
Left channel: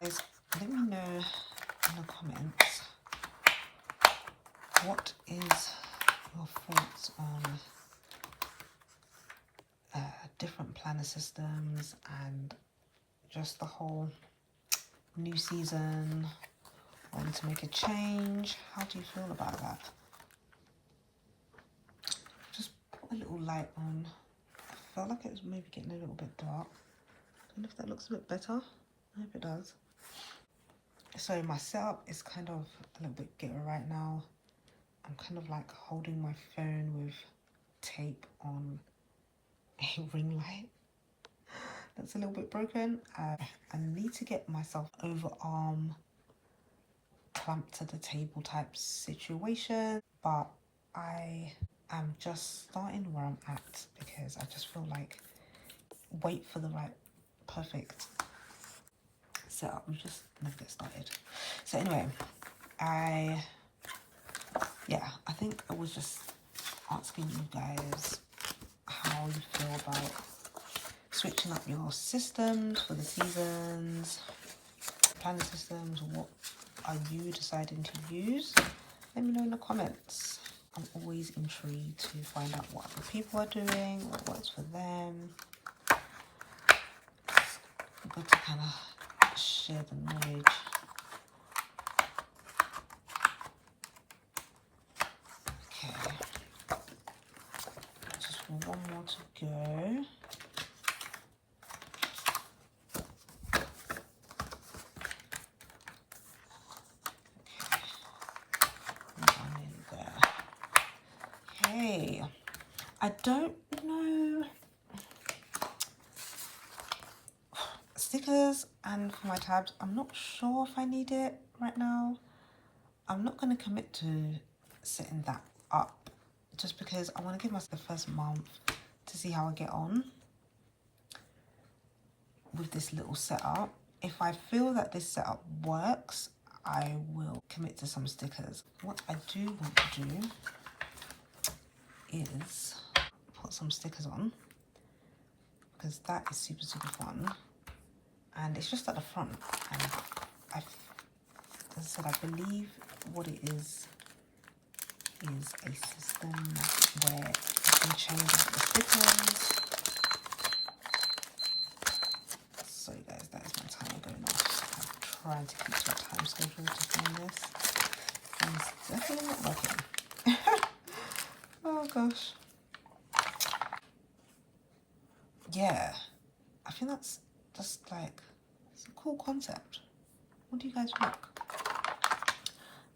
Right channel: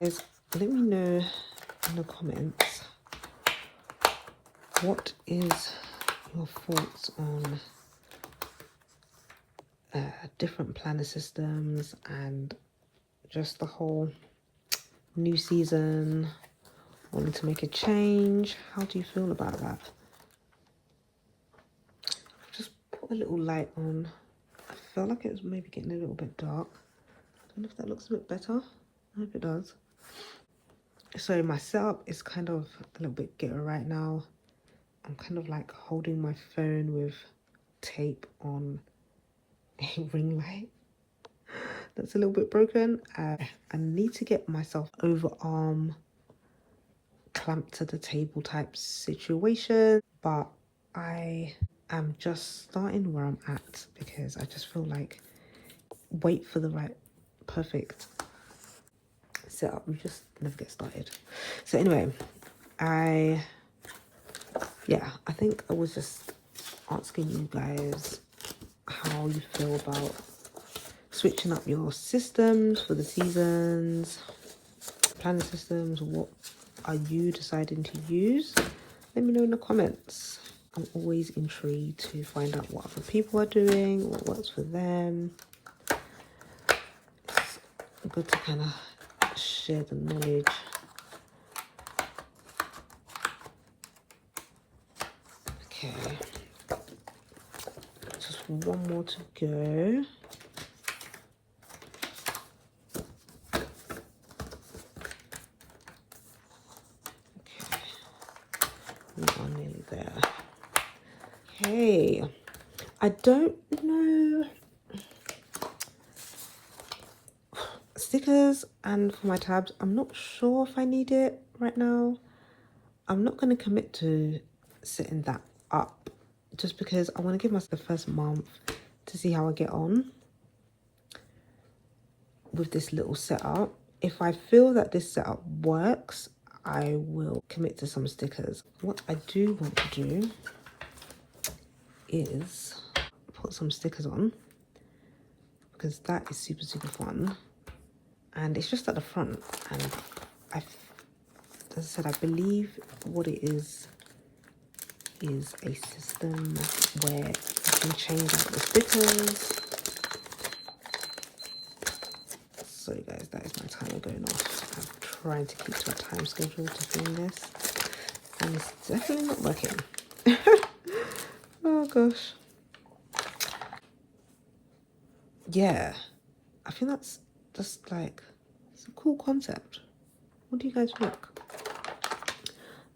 Guys, let me know in the comments, what is your thoughts on different planner systems and just the whole new season, wanting to make a change? How do you feel about that? Just put a little light on. I felt like it was maybe getting a little bit dark. I don't know if that looks a bit better. I hope it does. So my setup is kind of a little bit ghetto right now. I'm kind of like holding my phone with tape on a ring light that's a little bit broken. I need to get myself overarm clamped to the table type situation, but I am just starting where I'm at because I just feel like wait for the right perfect setup, you just never get started. So anyway, I think I was just asking you guys how you feel about switching up your systems for the seasons, planner systems. What are you deciding to use? Let me know in the comments. I'm always intrigued to find out what other people are doing, what works for them. It's good to kind of share the knowledge. Okay, just one more to go. Okay, I don't know, stickers and for my tabs, I'm not sure if I need it right now. I'm not going to commit to setting that up just because I want to give myself the first month to see how I get on with this little setup. If I feel that this setup works, I will commit to some stickers. What I do want to do is put some stickers on because that is super fun, and it's just at the front, and as I said, I believe what it is a system where you can change out the stickers. Sorry guys, that is my timer going off. I'm trying to keep to a time schedule to film this, and it's definitely not working. Oh gosh. Yeah, I think that's just like, it's a cool concept. What do you guys think?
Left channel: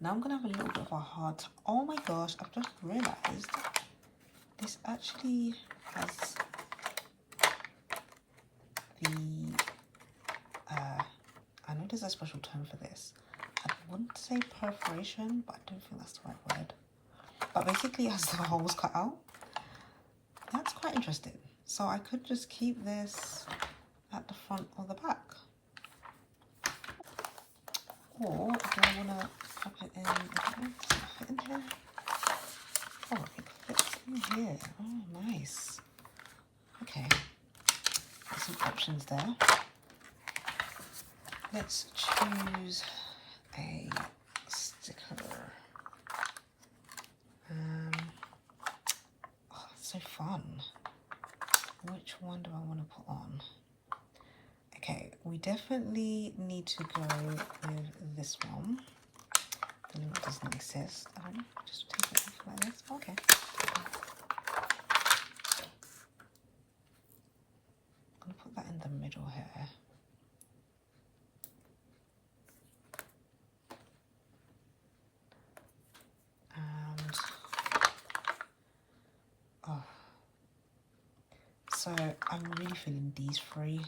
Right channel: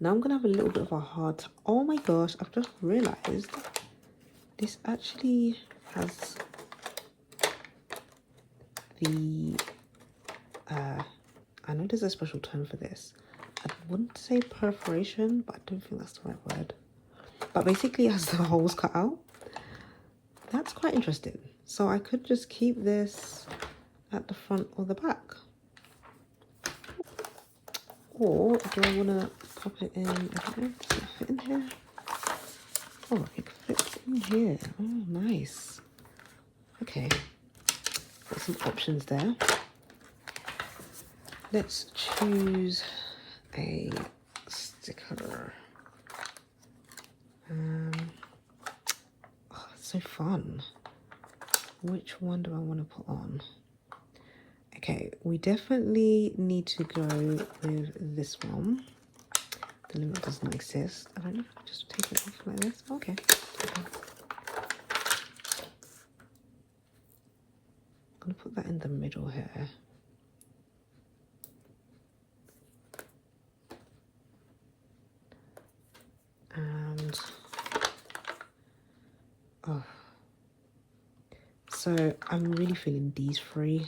Now I'm gonna have a little bit of a hard, oh my gosh, I've just realized this actually has the I know there's a special term for this. I wouldn't say perforation, but I don't think that's the right word. But basically it has the holes cut out. That's quite interesting. So I could just keep this at the front or the back. Or do I want to pop it in? I don't know, does it fit in here? Oh, it fits in here. Oh, nice. Okay, got some options there. Let's choose a sticker. Oh, it's so fun. Which one do I want to put on? Okay, we definitely need to go with this one. The limit doesn't exist. I don't know if I just take it off like this. Okay. I'm gonna put that in the middle here. And oh, so I'm really feeling these three,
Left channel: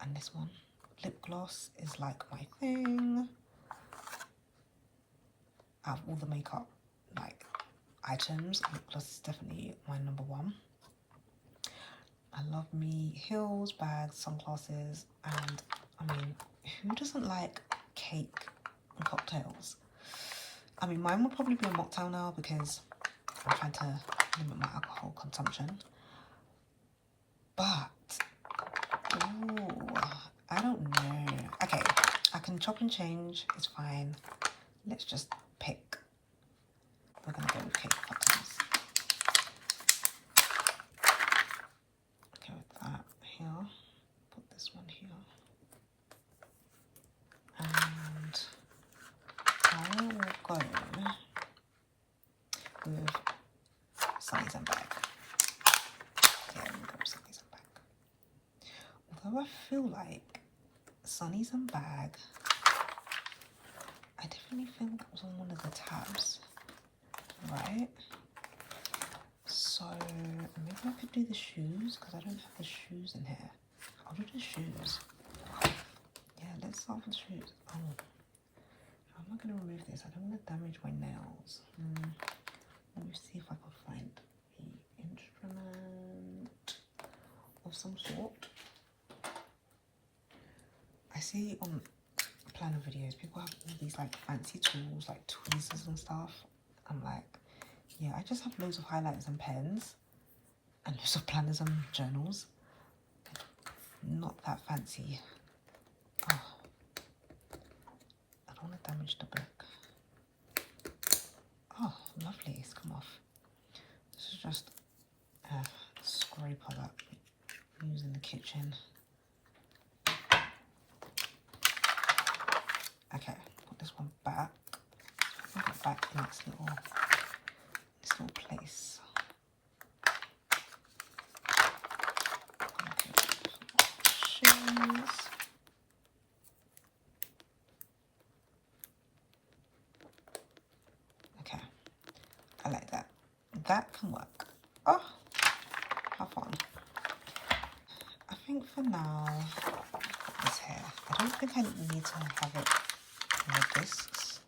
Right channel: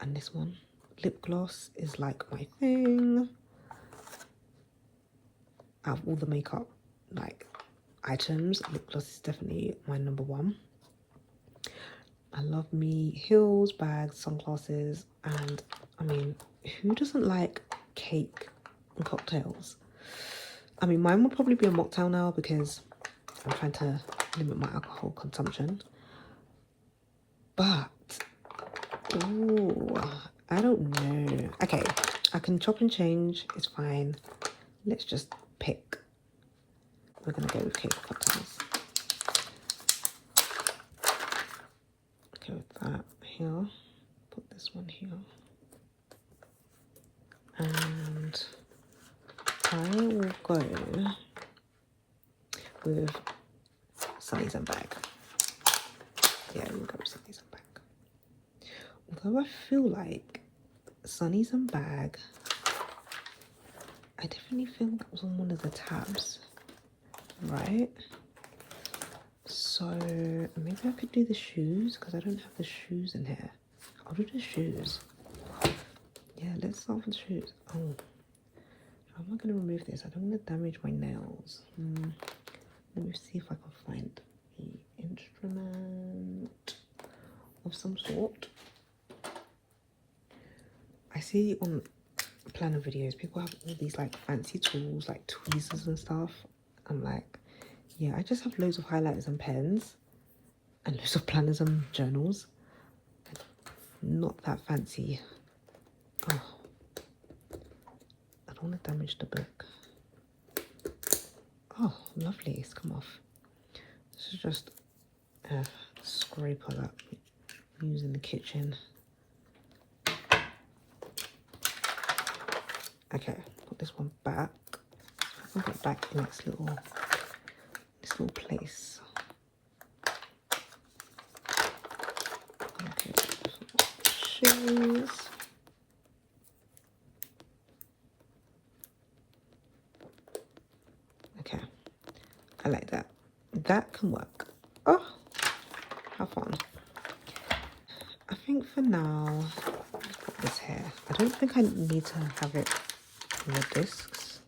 and this one. Lip gloss is like my thing. Out of all the makeup like items, lip gloss is definitely my number one. I love me heels, bags, sunglasses, and I mean, who doesn't like cake and cocktails? I mean, mine would probably be a mocktail now because I'm trying to limit my alcohol consumption. But, ooh, I don't know. Okay, I can chop and change. It's fine. Let's just pick. We're gonna go with cake cutters. Okay, with that here. Put this one here. And I will go with Sunny's and Bag. Yeah, we'll go with Sunny's and Bag. Although I feel like Sunny's and Bag, I definitely feel that was on one of the tabs, right? So maybe I could do the shoes because I don't have the shoes in here. I'll do the shoes. Yeah, let's start with the shoes. Oh, how am I going to remove this? I don't want to damage my nails. Let me see if I can find the instrument of some sort. I see on planner videos people have all these like fancy tools like tweezers and stuff. I'm like, yeah, I just have loads of highlighters and pens and loads of planners and journals. Not that fancy. Oh, I don't want to damage the book. Oh, lovely, it's come off. This is just a scraper that I use in the kitchen. Okay, put this one back. Put it back in its little place. Okay, shoes. Okay, I like that. That can work. Oh, how fun. I think for now, let's put this here. I don't think I need to have it in the discs.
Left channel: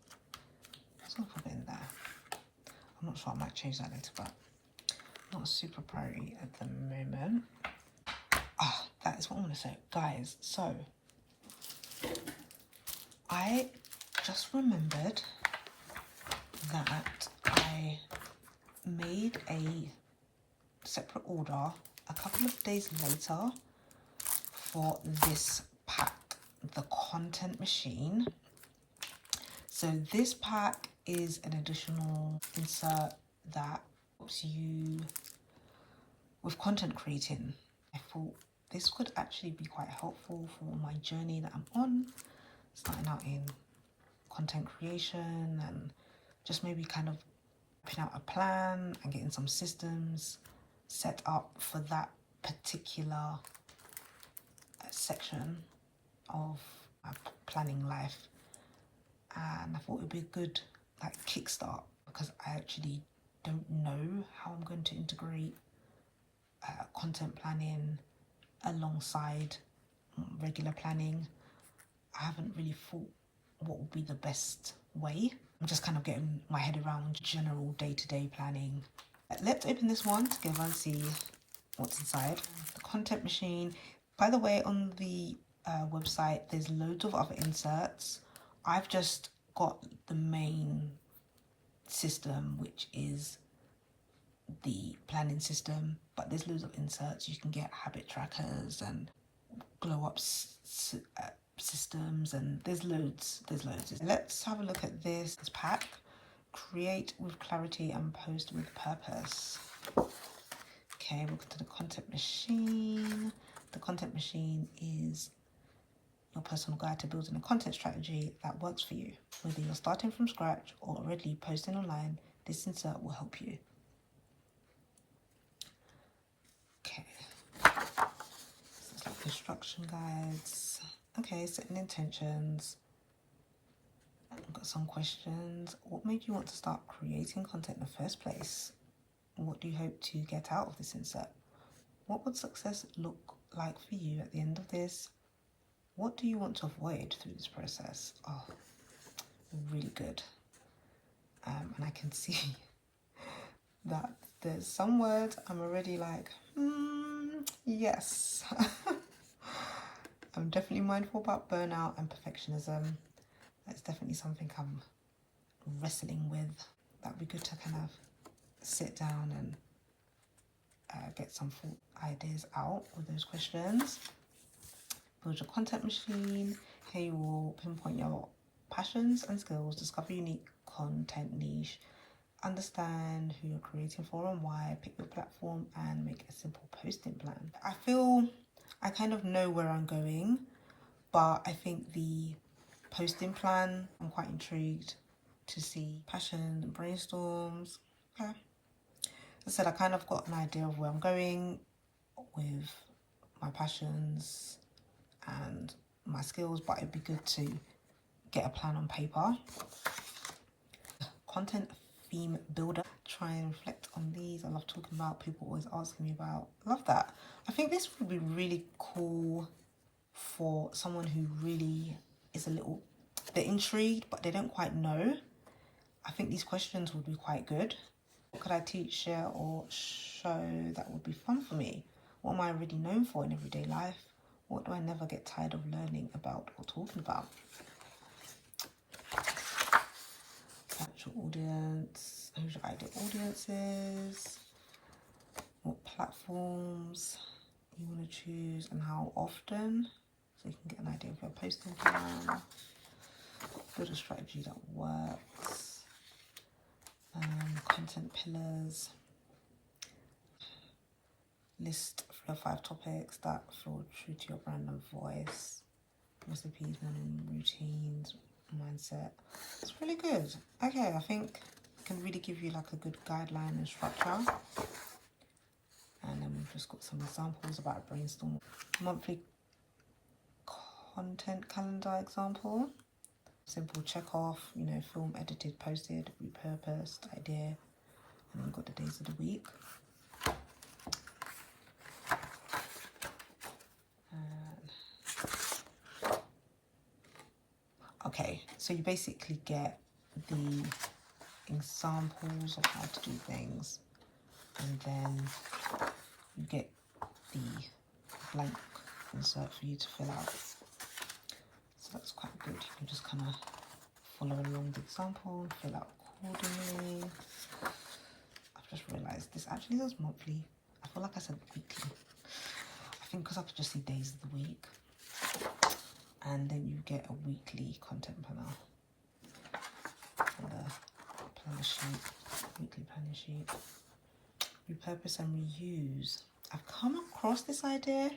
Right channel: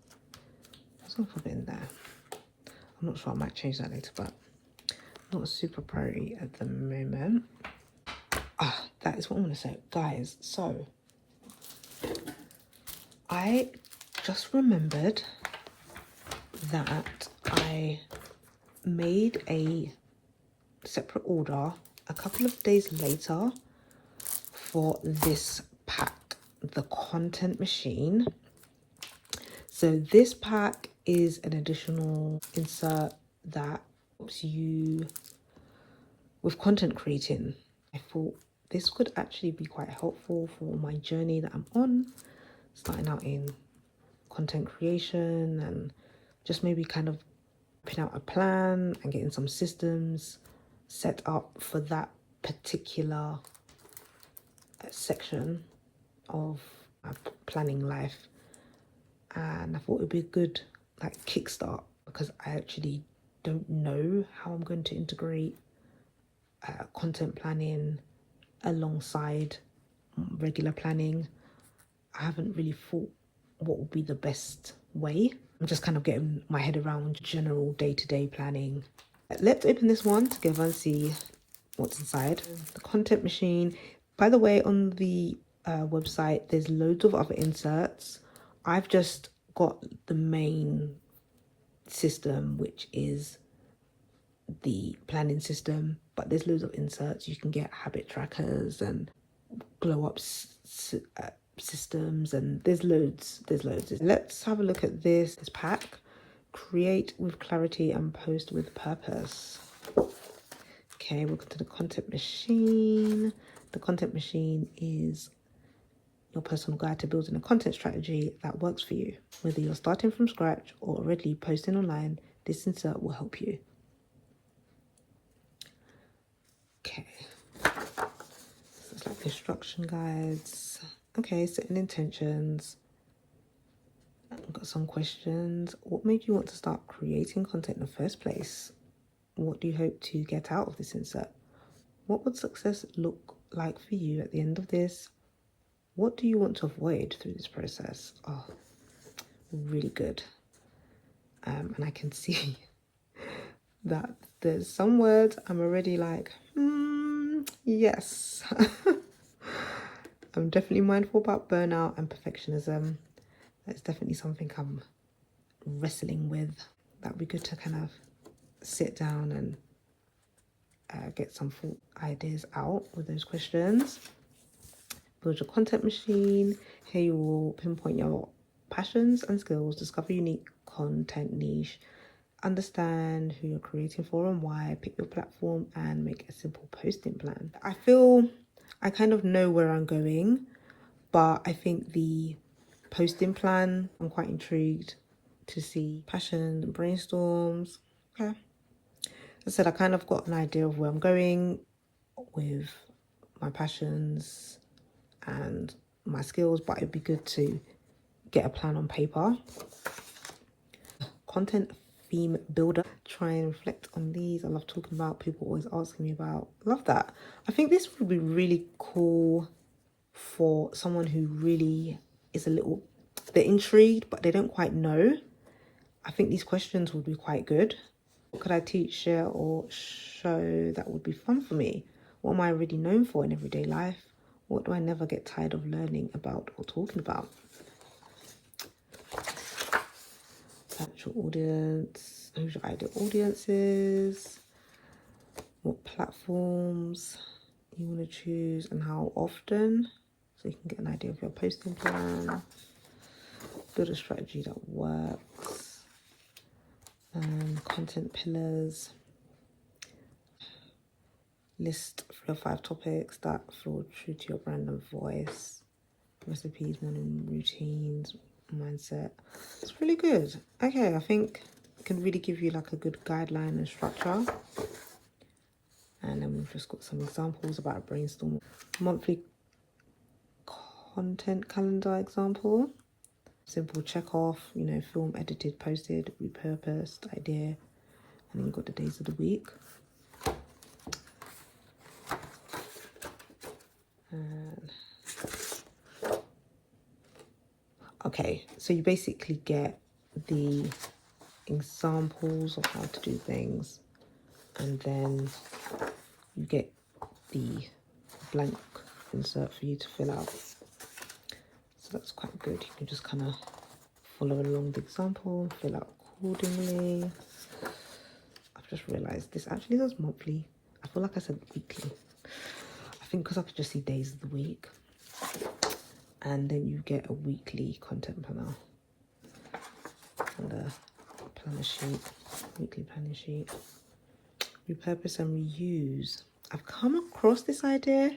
Let's not put it in there. I'm not sure, I might change that later, but not a super priority at the moment. Ah, that is what I'm gonna say, guys. So I just remembered that I made a separate order a couple of days later for this pack, the content machine. So this pack is an additional insert that helps you with content creating. I thought this could actually be quite helpful for my journey that I'm on, starting out in content creation and just maybe kind of putting out a plan and getting some systems set up for that particular section of my planning life. And I thought it would be a good like kickstart because I actually don't know how I'm going to integrate content planning alongside regular planning. I haven't really thought what would be the best way. I'm just kind of getting my head around general day-to-day planning. Let's open this one together and see what's inside. The content machine. By the way, on the website, there's loads of other inserts. I've just got the main system, which is the planning system, but there's loads of inserts. You can get habit trackers and glow up systems, and there's loads. Let's have a look at this pack. Create with clarity and post with purpose. Okay, welcome to the content machine. The content machine is your personal guide to building a content strategy that works for you. Whether you're starting from scratch or already posting online, this insert will help you. Okay, so it's like instruction guides. Okay, setting intentions. I've got some questions. What made you want to start creating content in the first place? What do you hope to get out of this insert? What would success look like for you at the end of this? What do you want to avoid through this process? Oh, really good. And I can see that there's some words I'm already like, yes. I'm definitely mindful about burnout and perfectionism. That's definitely something I'm wrestling with. That'd be good to kind of sit down and get some thought ideas out with those questions. Build your content machine. Here you will pinpoint your passions and skills, discover unique content niche, understand who you're creating for and why, pick your platform, and make a simple posting plan. I feel I kind of know where I'm going, but I think the posting plan, I'm quite intrigued to see. Passion and brainstorms. Okay. As I said, I kind of got an idea of where I'm going with my passions and my skills, but it'd be good to get a plan on paper. Content theme builder. Try and reflect on these. I love talking about, people always asking me about. Love that. I think this would be really cool for someone who really is a little bit intrigued, but they don't quite know. I think these questions would be quite good. What could I teach, share, or show that would be fun for me? What am I already known for in everyday life? What do I never get tired of learning about or talking about? Catch your audience. Who's your ideal audiences? What platforms you want to choose and how often? So you can get an idea of your posting plan. Build a strategy that works. Content pillars. List 3 or 5 topics that feel true to your brand and voice. Recipes, morning routines, mindset. It's really good. Okay, I think it can really give you like a good guideline and structure. And then we've just got some examples about a brainstorm. Monthly content calendar example. Simple check off, you know, film, edited, posted, repurposed, idea. And then we've got the days of the week. Okay, so you basically get the examples of how to do things, and then you get the blank insert for you to fill out. So that's quite good. You can just kind of follow along the example, fill out accordingly. I've just realized this actually does monthly. I feel like I said weekly. I think because I could just see days of the week. And then you get a weekly content planner or the planner sheet, weekly planning sheet. Repurpose and reuse. I've come across this idea.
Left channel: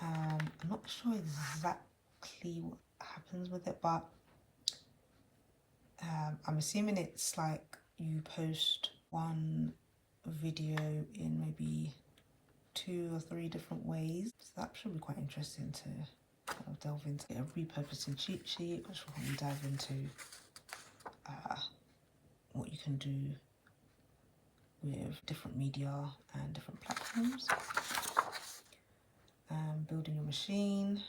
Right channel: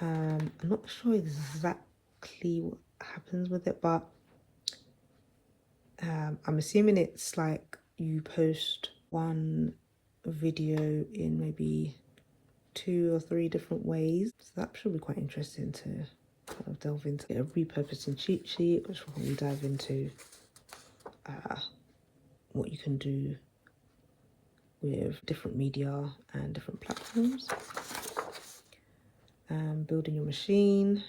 I'm not sure exactly what happens with it, but I'm assuming it's like you post one video in maybe 2 or 3 different ways. So that should be quite interesting to kind of delve into. A repurposing cheat sheet, which will probably dive into what you can do with different media and different platforms. Building your machine.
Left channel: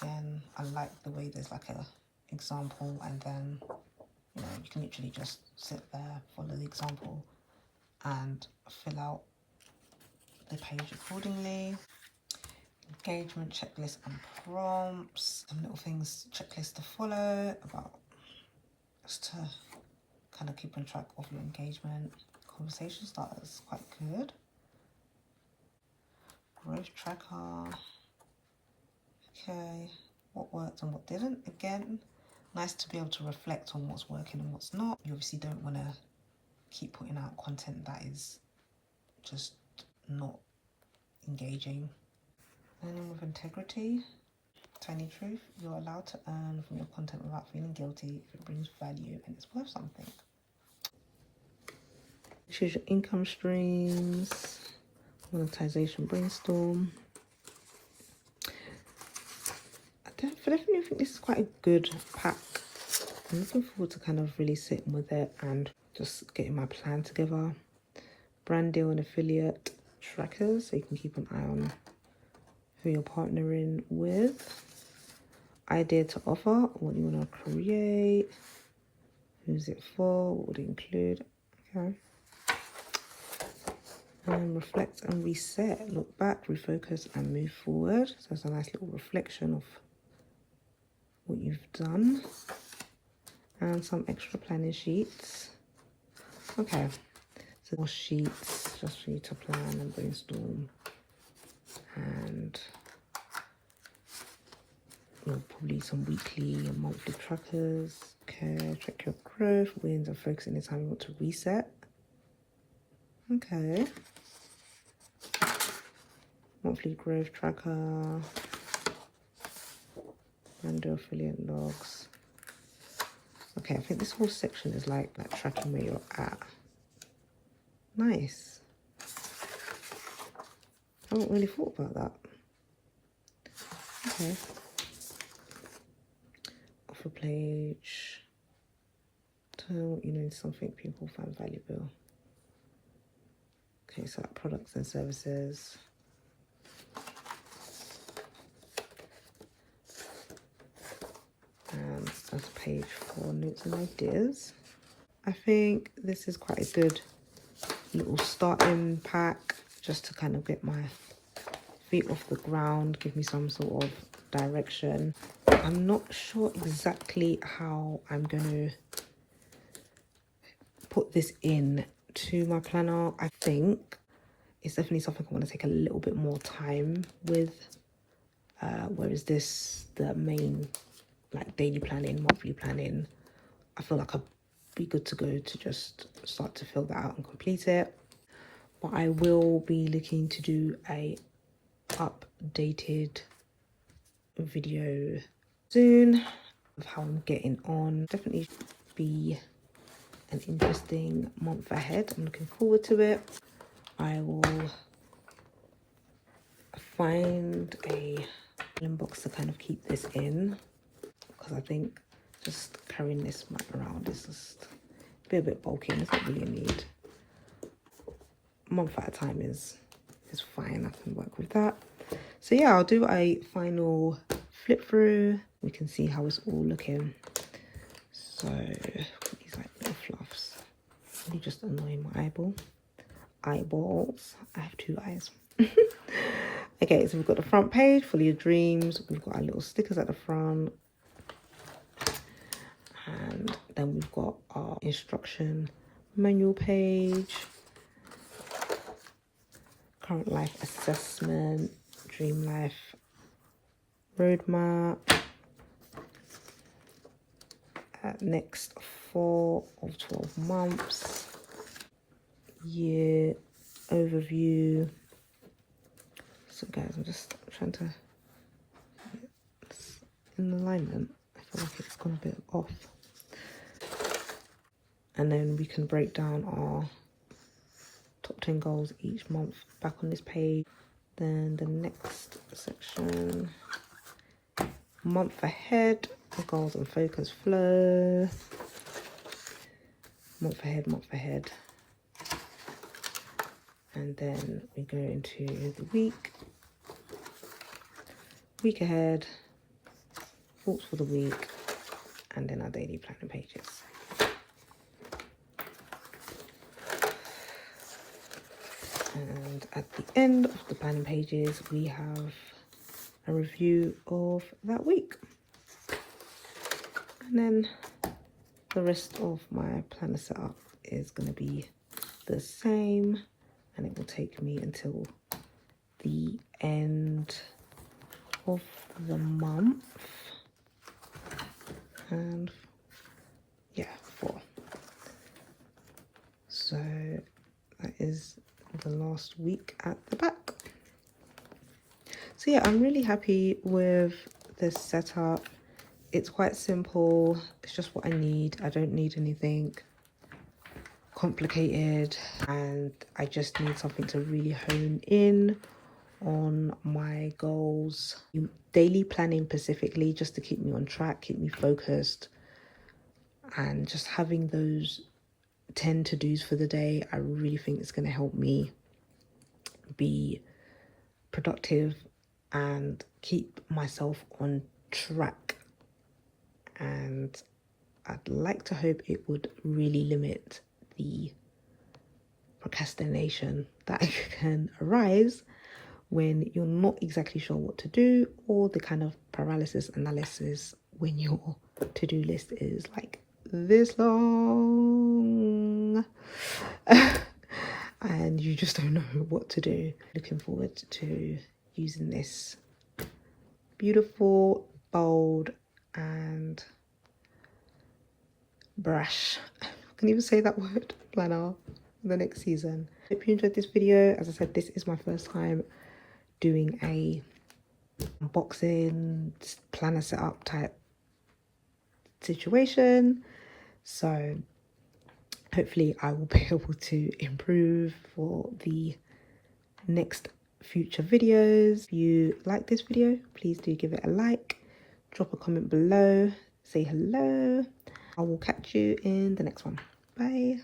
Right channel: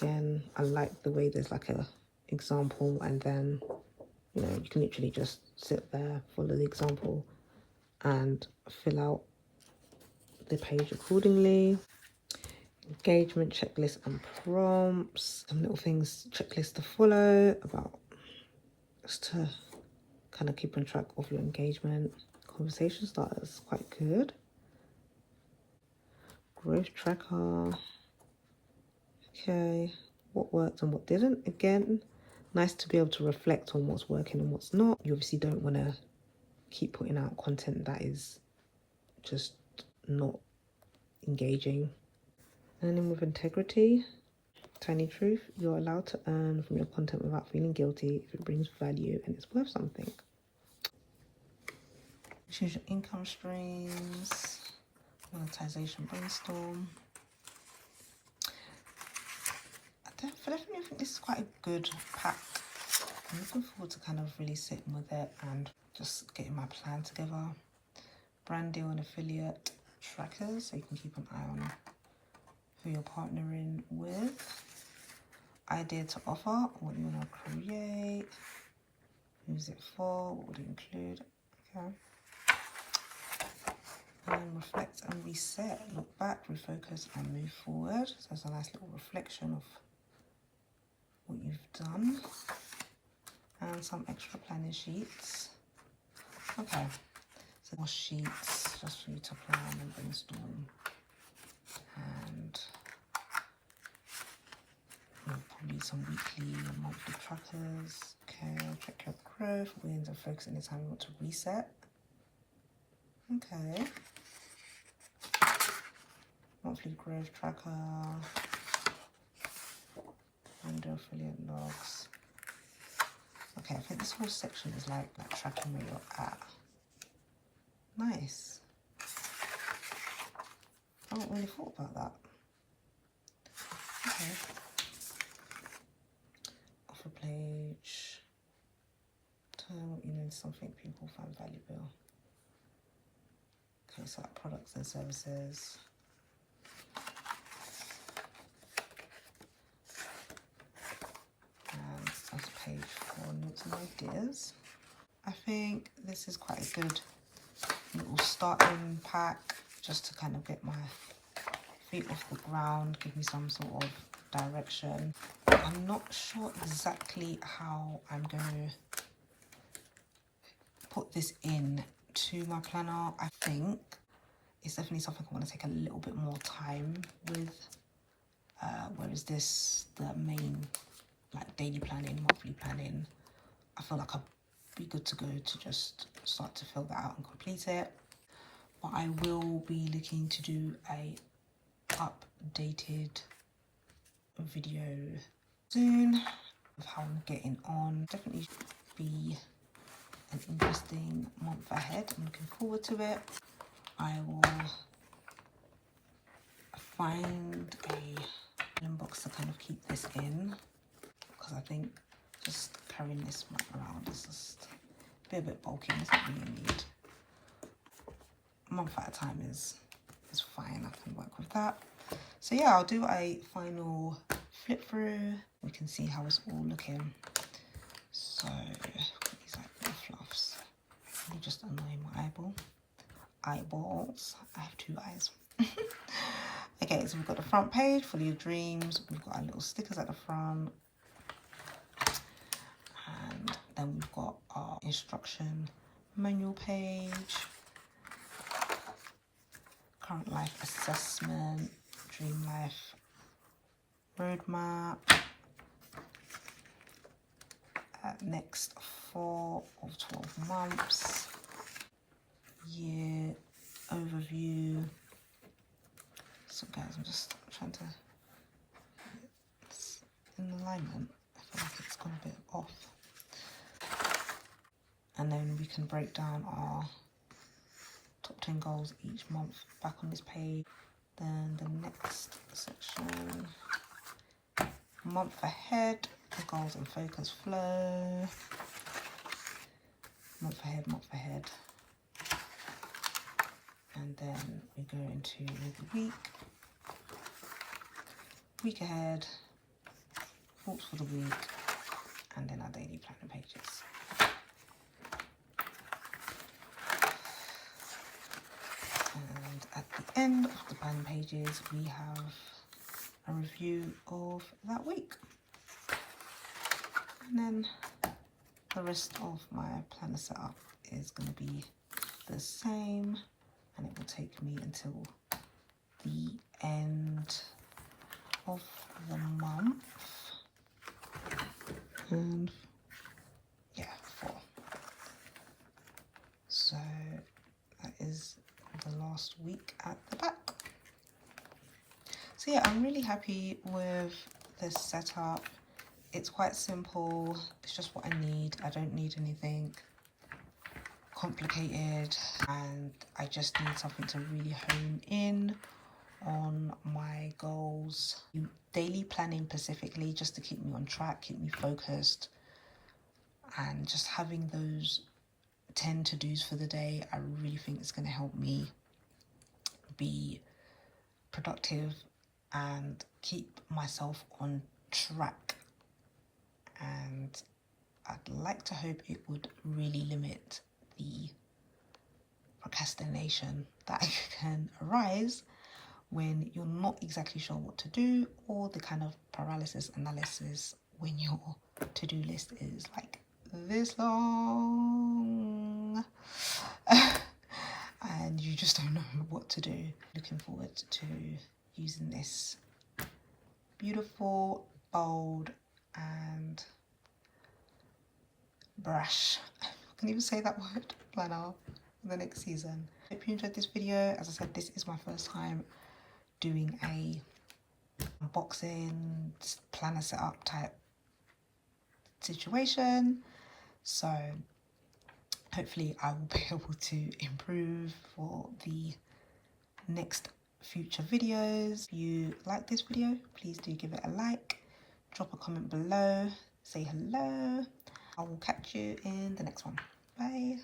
Again, I like the way there's like a example, and then you know you can literally just sit there, follow the example, and fill out the page accordingly. Engagement checklist and prompts. Some little things, checklist to follow about just to kind of keep on track of your engagement. Conversation starters, quite good. Growth tracker. Okay, what worked and what didn't. Again, nice to be able to reflect on what's working and what's not. You obviously don't want to keep putting out content that is just not engaging. Earning with integrity. Tiny truth, you're allowed to earn from your content without feeling guilty if it brings value and it's worth something. Choose your income streams. Monetization brainstorm. I definitely think this is quite a good pack. I'm looking forward to kind of really sitting with it and just getting my plan together. Brand deal and affiliate trackers, so you can keep an eye on who you're partnering with. Idea to offer, what you want to create, who's it for, what would it include. Okay. And reflect and reset, look back, refocus and move forward. So it's a nice little reflection of what you've done. And some extra planning sheets. Okay, so more sheets just for you to plan and brainstorm and probably some weekly and monthly trackers. Okay, track your growth, wins, and focus anytime you want to reset. Okay. Monthly growth tracker. Random affiliate logs. Okay, I think this whole section is like tracking where you're at. Nice. I haven't really thought about that. Okay. Offer page. Turn what you know into something people find valuable. Okay, so like products and services. And that's page for notes and ideas. I think this is quite a good little starting pack just to kind of get my feet off the ground, give me some sort of direction. I'm not sure exactly how I'm going to put this in to my planner. I think it's definitely something I'm going to take a little bit more time with. Whereas this, the main like daily planning, monthly planning, I feel like I'd be good to go to just start to fill that out and complete it. But I will be looking to do a updated video soon of how I'm getting on. Definitely be an interesting month ahead. I'm looking forward to it. I will find a box to kind of keep this in, because I think just carrying this map around is just a bit bulky and it's not really a need. A month at a time is fine. I can work with that. So yeah, I'll do a final flip through. We can see how it's all looking. So these like little fluffs really just annoy my eyeballs. I have two eyes. Okay, so we've got the front page full of your dreams. We've got our little stickers at the front, and then we've got our instruction manual page, current life assessment, dream life roadmap, next 4 of 12 months, year overview. So guys, I'm just trying to, it's in alignment. I feel like it's gone a bit off. And then we can break down our top 10 goals each month back on this page. Then the next section, month ahead, the goals and focus flow. Month ahead. And then we go into the week ahead, thoughts for the week, and then our daily planning pages. And at the end of the planning pages, we have a review of that week. And then the rest of my planner setup is going to be the same, and it will take me until the end of the month. And yeah, 4. So that is the last week at the back. So yeah, I'm really happy with this setup. It's quite simple. It's just what I need. I don't need anything complicated, and I just need something to really hone in on my goals. Daily planning specifically, just to keep me on track, keep me focused, and just having those 10 to-dos for the day, I really think it's going to help me be productive and keep myself on track. And I'd like to hope it would really limit the procrastination that can arise when you're not exactly sure what to do, or the kind of paralysis analysis when your to-do list is like this long and you just don't know what to do. Looking forward to using this beautiful, bold and brush. I can't even say that word, planner, for the next season. Hope you enjoyed this video. As I said, this is my first time doing a unboxing planner setup type situation, so hopefully I will be able to improve for the next future videos. If you like this video, please do give it a like, drop a comment below, say hello. I will catch you in the next one. Bye.